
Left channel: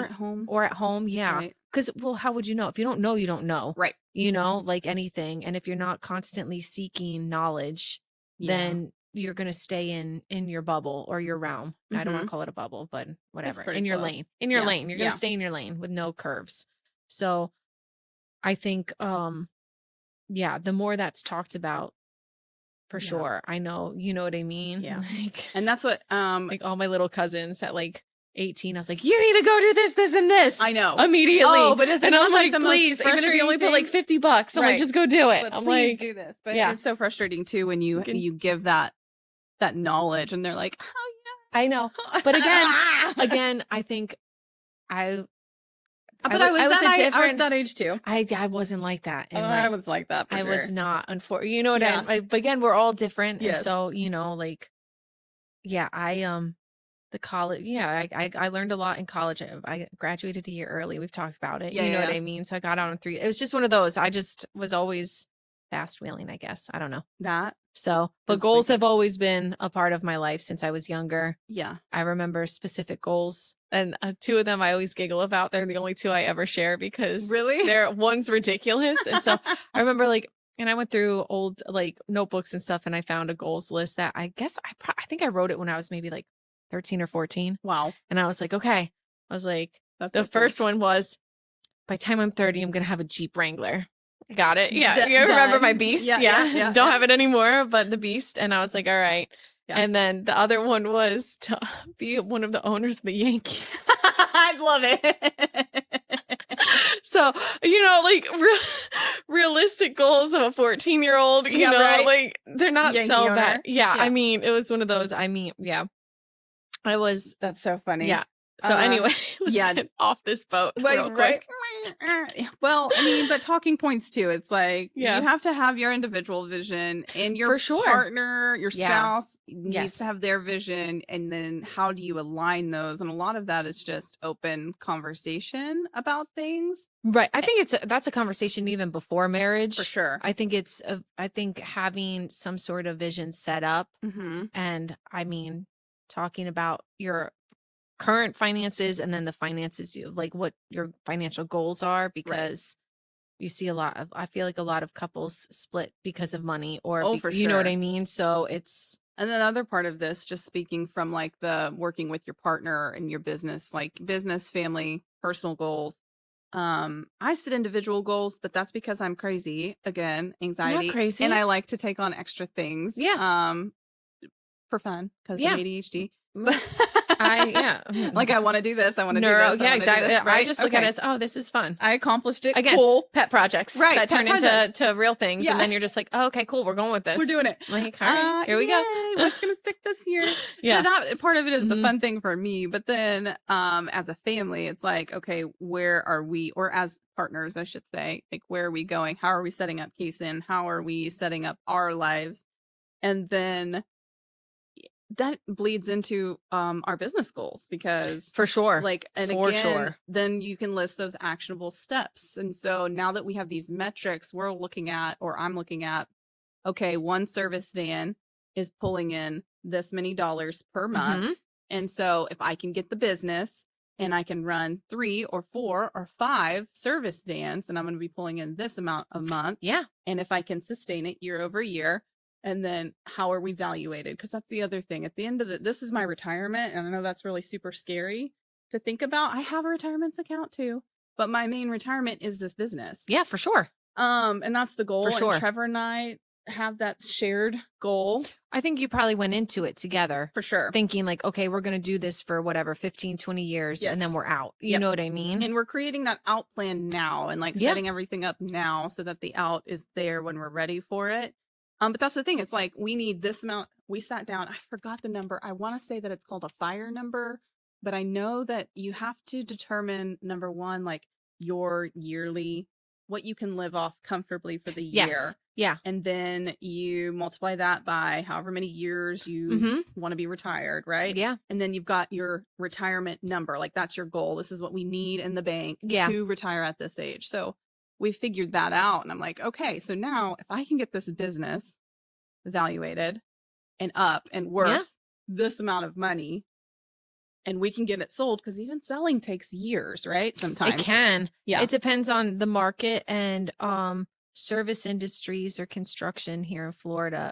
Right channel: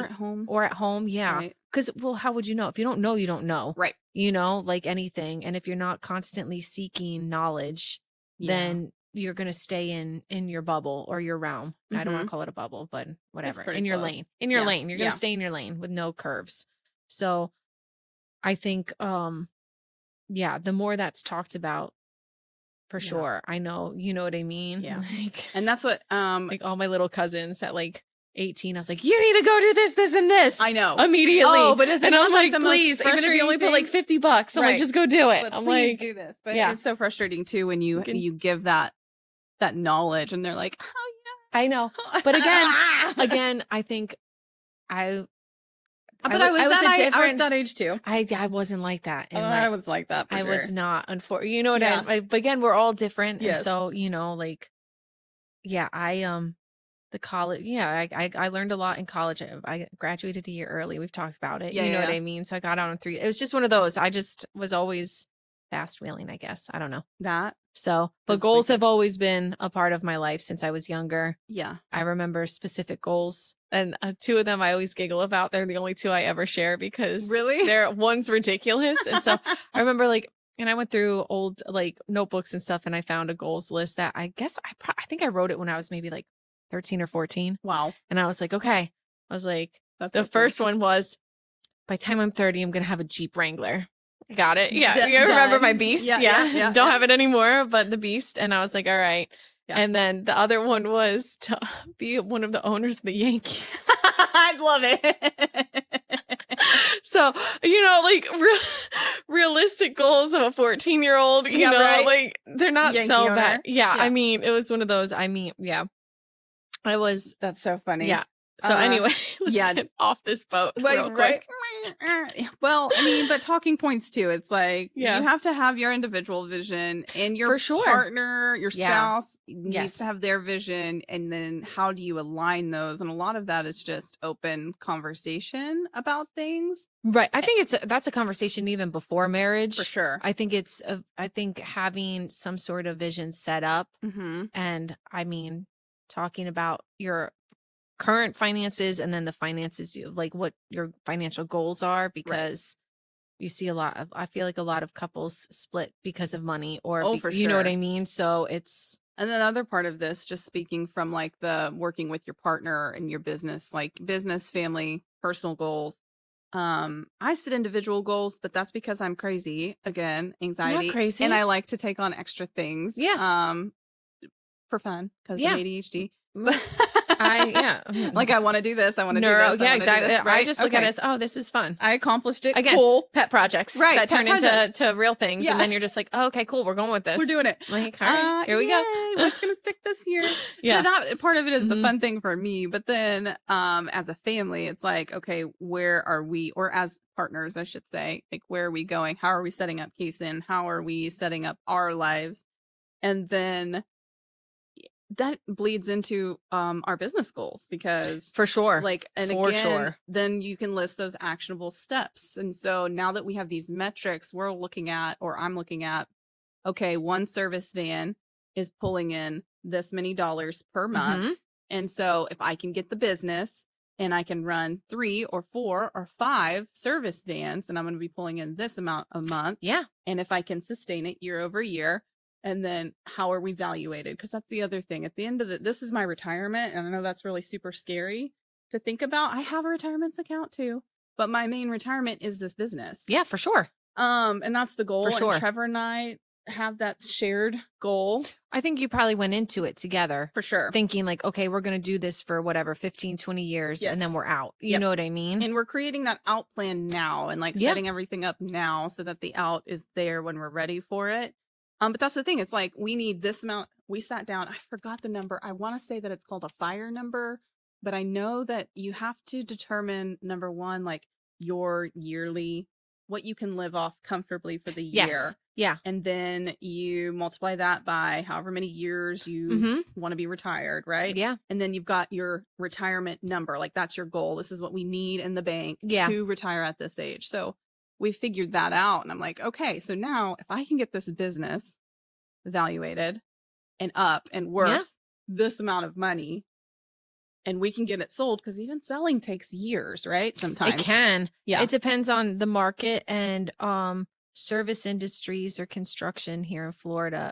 Or at home. Yeah. Right. Because, well, how would you know? If you don't know, you don't know. Right. You know, like anything. And if you're not constantly seeking knowledge, Yeah. then you're going to stay in your bubble or your realm. I don't want to call it a bubble, but whatever. pretty In your close. lane. In your Yeah. lane. You're going Yeah. to stay in your lane with no curves. So I think, yeah, the more that's talked about, for sure. I know, you know what I mean? Yeah. And that's what, Like all my little cousins at like 18, I was like, you need to go do this, this, and this. I know. Immediately. Oh, but and I'm like, please, even if you only put like $50, I'm like, just go do it. But I'm please like, do this. But yeah. it's so frustrating too when you give that knowledge and they're like, oh I know. But again, I think I but I was that age too. I wasn't like that. I was like that for I sure. was not, unfortunately. You know what Yeah. but again, we're all different. Yes. And so, you know, like, yeah, the college, yeah, I learned a lot in college. I graduated a year early. We've talked about it. Yeah, You know what I mean? So I got out in 3. It was just one of those. I just was always fast wheeling, I guess. I don't know. That. So, but goals have always been a part of my life since I was younger. Yeah. I remember specific goals, and 2 of them I always giggle about. They're the only 2 I ever share because one's ridiculous. And so I remember and I went through old like notebooks and stuff, and I found a goals list that I guess I think I wrote it when I was maybe like 13 or 14. Wow. And I was like, okay. I was like, the first one was, by the time I'm 30, I'm going to have a Jeep Wrangler. Got it? Yeah. You remember my Beast? Yeah. Don't have it anymore, but the Beast. And I was like, all right. Yeah. And then the other one was to be one of the owners of the Yankees. I love it. So, you know, like realistic goals of a 14-year-old, you know, right. like they're not Yankee so owner. bad. Yeah. I mean, it was one of those. I mean, yeah. That's so funny. Yeah. So anyway, Yeah. Get off this boat real quick. Well, I mean, but talking points too. It's like Yeah. you have to have your individual vision, and your For sure. partner, your Yeah. spouse needs Yes. to have their vision, and then how do you align those? And a lot of that is just open conversation about things. Right. I think that's a conversation even before marriage. For sure. I think I think having some sort of vision set up, Mm-hmm. and I mean, talking about your current finances and then the finances you like what your financial goals are, because you see I feel like a lot of couples split because of money, or Oh, for you know what sure. I mean? So it's And then other part of this, just speaking from like the working with your partner and your business, like business, family, personal goals. I set individual goals, but that's because I'm crazy. Again, anxiety. crazy. And I like to take on extra things. Yeah. For fun. Because Yeah. ADHD. yeah. Like I want to do this. I want to do Neuro, this. I yeah, wanna do exactly. this, I right? just look at this. Oh, this is fun. I accomplished it. Again, Cool. pet projects Right, that pet turn projects. into real things, Yeah. and then you're just like, oh, okay, cool, we're going with this. We're doing it. Okay, here we go. Yay, what's gonna stick this year? Yeah. So that part of it is the Mhm. fun thing for me. But then, as a family, it's like, okay, where are we? Or as partners, I should say, like, where are we going? How are we setting up Kaysen? How are we setting up our lives? And then that bleeds into our business goals, because For sure. like, and For again, sure. then you can list those actionable steps. And so now that we have these metrics, we're looking at, or I'm looking at, okay, one service van is pulling in this many dollars per month. Mhm. And so if I can get the business and I can run 3 or 4 or 5 service vans, then I'm going to be pulling in this amount a month. Yeah. And if I can sustain it year over year, and then how are we valuated? Because that's the other thing. At the end of this is my retirement. And I know that's really super scary to think about. I have a retirement account too, but my main retirement is this business. Yeah, for sure. And that's the goal. For sure. And Trevor and I have that shared goal. I think you probably went into it together For sure. thinking like, okay, we're going to do this for whatever, 15, 20 years, and then Yes. we're out. You Yep. know what I mean? And we're creating that out plan now, and like Yeah. setting everything up now so that the out is there when we're ready for it. But that's the thing. It's like, we need this amount. We sat down. I forgot the number. I want to say that it's called a fire number, but I know that you have to determine, number one, like your yearly, what you can live off comfortably for the year. Yes. Yeah. And then you multiply that by however many years you Mm-hmm. want to be retired, right? Yeah. And then you've got your retirement number. Like, that's your goal. This is what we need in the bank Yeah. to retire at this age. So we figured that out. And I'm like, okay, so now if I can get this business evaluated and up and worth this amount of money, and we can get it sold, because even selling takes years, right? Sometimes. It can. Yeah. It depends on the market, and service industries or construction here in Florida.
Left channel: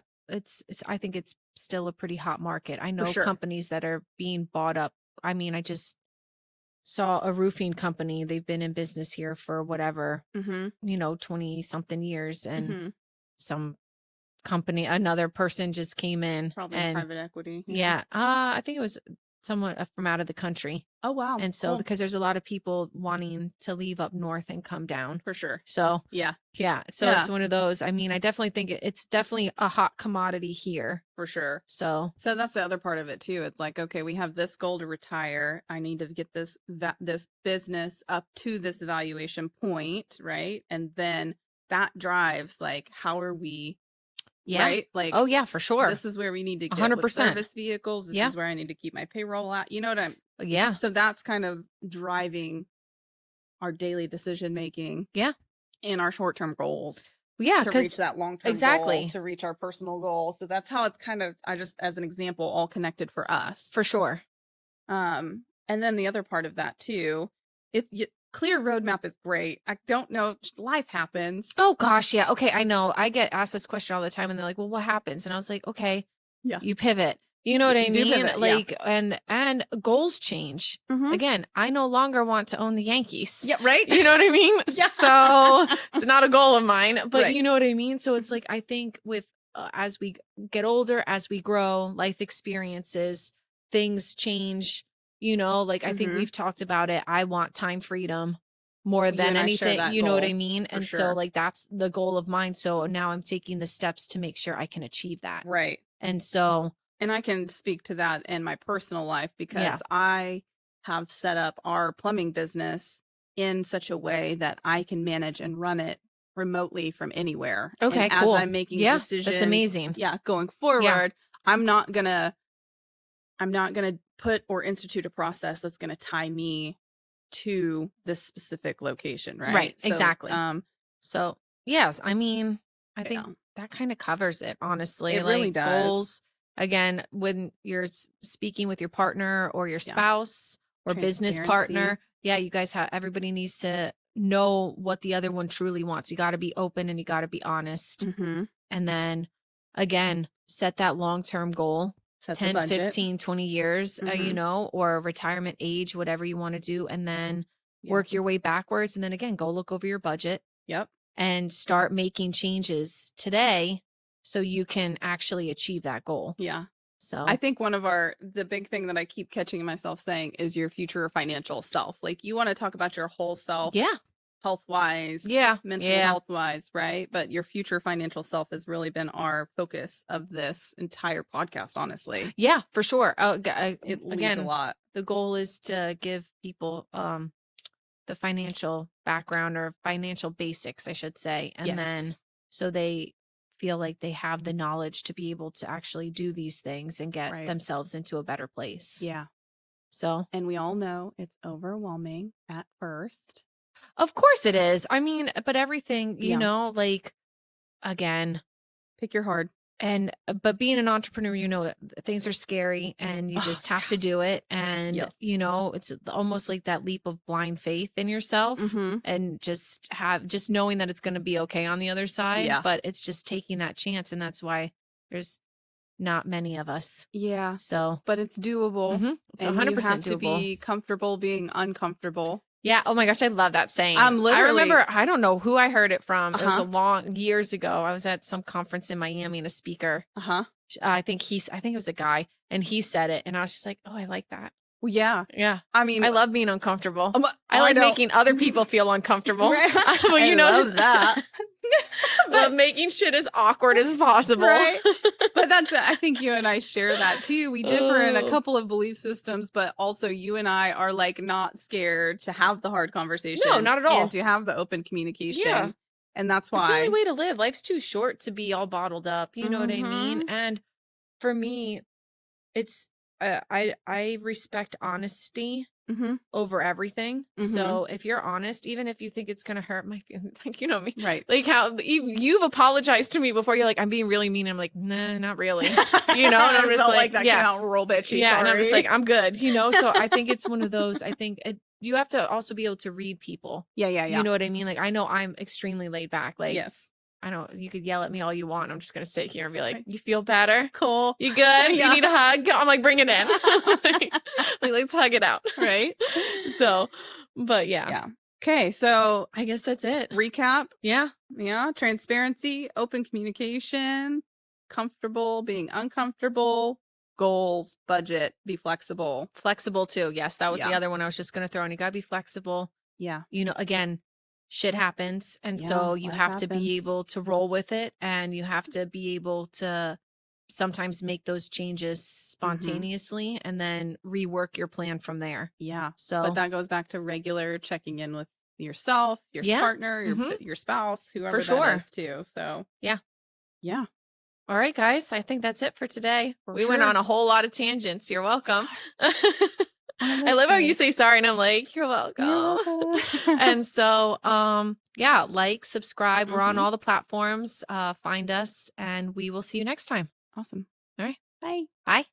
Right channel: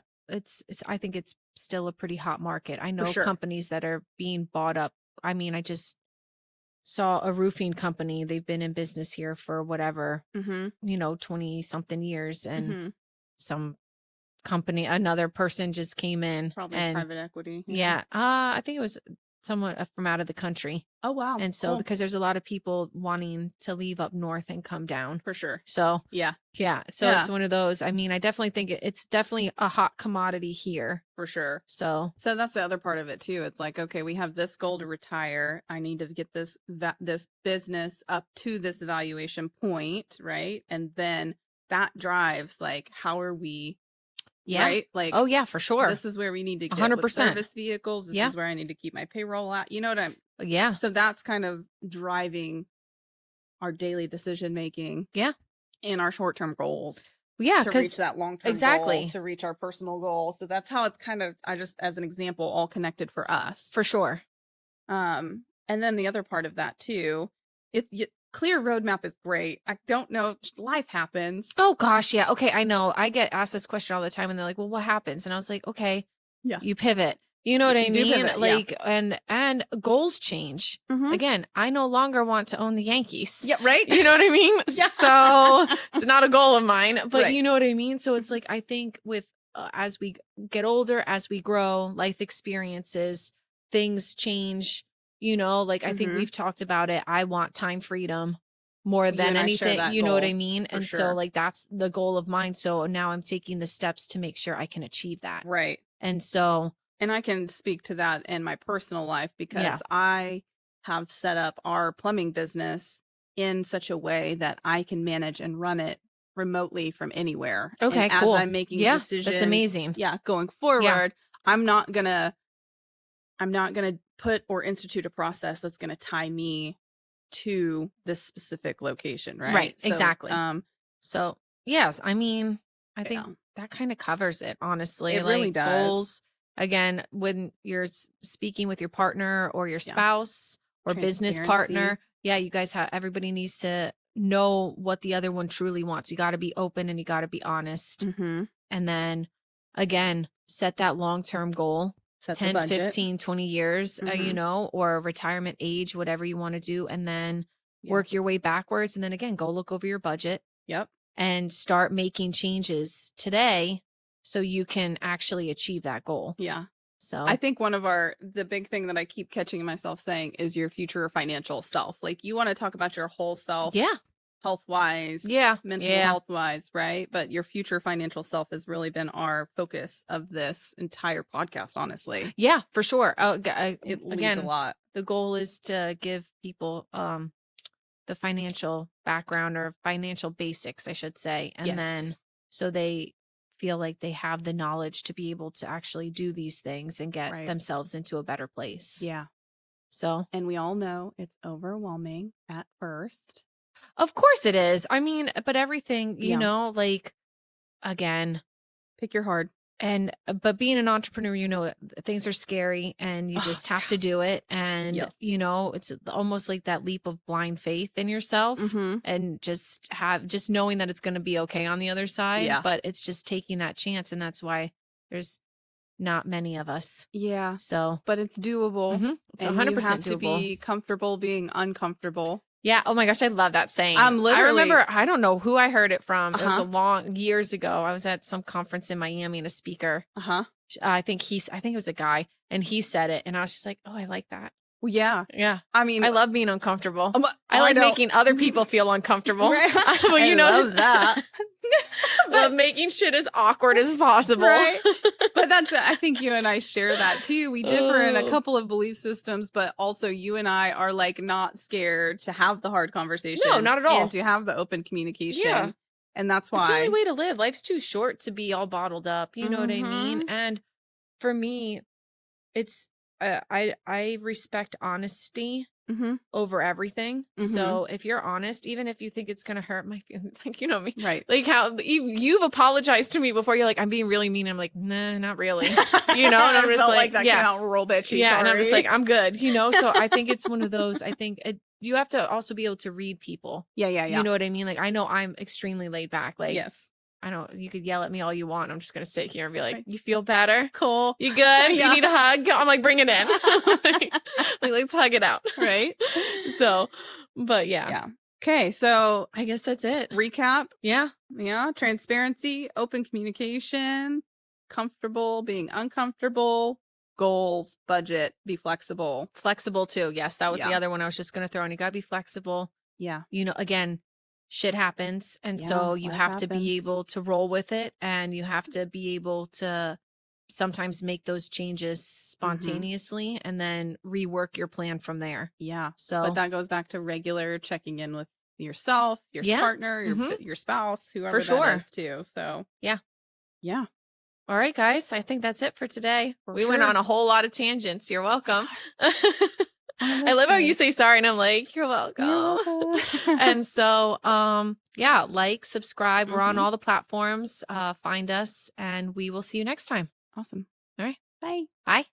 I think it's still a pretty hot market. I know sure. companies that are being bought up. I mean, I just saw a roofing company. They've been in business here for whatever, Mm-hmm. 20 something years, and Mm-hmm. some company, another person just came in, Probably and private equity. yeah, I think it was someone from out of the country. Oh, wow. And so, because there's a lot of people wanting to leave up north and come down. For sure. So, Yeah. yeah. So Yeah. it's one of those. I mean, I definitely think it's definitely a hot commodity here. For sure. So, So that's the other part of it too. It's like, okay, we have this goal to retire. I need to get this business up to this valuation point, right? And then that drives, like, how are we, yeah. right? Like, Oh, yeah, for sure. this is where we need to get 100%. with service vehicles. This Yeah. is where I need to keep my payroll at. You know what I'm? Yeah. So that's kind of driving our daily decision making. Yeah. And our short term goals. Yeah. To reach Because, that long term exactly. goal, to reach our personal goals. So that's how it's kind of, I just, as an example, all connected for us. for sure. And then the other part of that too, clear roadmap is great. I don't know, life happens. Oh, gosh. Yeah. Okay. I know. I get asked this question all the time, and they're like, well, what happens? And I was like, okay, Yeah. you pivot. You know what I You do mean? pivot, yeah. Like, and goals change. Again, I no longer want to own the Yankees. Yeah, right? You know what I mean? Yeah. So it's not a goal of mine, but Right. you know what I mean? So it's like, I think with, as we get older, as we grow, life experiences, things change, like, I think we've talked about it. I want time freedom more You than and I share anything. that You know what goal, I mean? for And sure. so, like, that's the goal of mine. So now I'm taking the steps to make sure I can achieve that. Right. And so, And I can speak to that in my personal life, because Yeah. I have set up our plumbing business in such a way that I can manage and run it remotely from anywhere. Okay, and cool. as I'm making Yeah, decisions, that's amazing. going forward, I'm not gonna put or institute a process that's gonna tie me to this specific location, right? Right, So, exactly. So, yes, I mean, I think yeah, that kind of covers it, honestly. it Like, really does. goals, again, when you're speaking with your partner or your spouse or business Transparency. partner, you guys have, everybody needs to know what the other one truly wants. You got to be open and you got to be honest. Mm-hmm. And then, again, set that long-term goal. Set the 10, budget. 15, 20 years, Mhm. you know, or retirement age, whatever you want to do. And then Yeah. work your way backwards. And then again, go look over your budget. Yep. And start making changes today so you can actually achieve that goal. Yeah. So I think the big thing that I keep catching myself saying is your future financial self. Like, you want to talk about your whole self. yeah. Health-wise, mental health-wise, right? But your future financial self has really been our focus of this entire podcast, honestly. Yeah, for sure. It means again, a lot. the goal is to give people the financial background or financial basics, I should say. And then so they feel like they have the knowledge to be able to actually do these things and get themselves into a better place. Yeah. So, and we all know it's overwhelming at first. Of course it is. I mean, but everything, you know, like, again, pick your heart. But being an entrepreneur, you know, things are scary and you just have to do it. And, you know, it's almost like that leap of blind faith in yourself and just knowing that it's going to be okay on the other side. Yeah. But it's just taking that chance. And that's why there's not many of us. Yeah. So, but it's doable. It's 100% you have doable. To be comfortable being uncomfortable. Yeah. Oh my gosh, I love that saying. I remember, I don't know who I heard it from. It Uh-huh. was years ago. I was at some conference in Miami and a speaker. I think it was a guy, and he said it, and I was just like, oh, I like that. Well, yeah. Yeah. I mean, I love being uncomfortable. I like making other people feel uncomfortable. Well, you know that. But making shit as awkward as possible. Right? But I think you and I share that too. We differ in a couple of belief systems, but also you and I are like not scared to have the hard conversation. No, not at all. And to have the open communication. Yeah. And that's why. It's the only way to live. Life's too short to be all bottled up. You know what I mean? And for me, it's, I respect honesty over everything. So if you're honest, even if you think it's going to hurt my feelings, like, you know me, right? Like how you've apologized to me before. You're like, I'm being really mean. I'm like, nah, not really. You know, and I'm just like, real bitchy. Yeah, and I'm just like, I'm good. You know, so I think it's one of those. I think you have to also be able to read people. Yeah. You know what I mean? Like, I know I'm extremely laid back. Like, yes. I know you could yell at me all you want. I'm just going to sit here and be like, you feel better? Cool. You good? You need a hug? I'm like, bring it in. Like, let's hug it out. Right. So, but yeah. Okay. So I guess that's it. Recap. Yeah. Yeah. Transparency, open communication, comfortable, being uncomfortable, goals, budget, be flexible. Flexible too. Yes. That was the other one I was just going to throw in. You got to be flexible. Yeah. You know, again, shit happens. And so you have to be able to roll with it, and you have to be able to sometimes make those changes spontaneously and then rework your plan from there. Yeah. So, but that goes back to regular checking in with yourself, your partner, your spouse, whoever that is too. So yeah. All right, guys. I think that's it for today. We went on a whole lot of tangents. You're welcome. I love how you say sorry and I'm like, you're welcome. And so, like, subscribe. We're on all the platforms. Find us, and we will see you next time. Awesome. All right. Bye. Bye.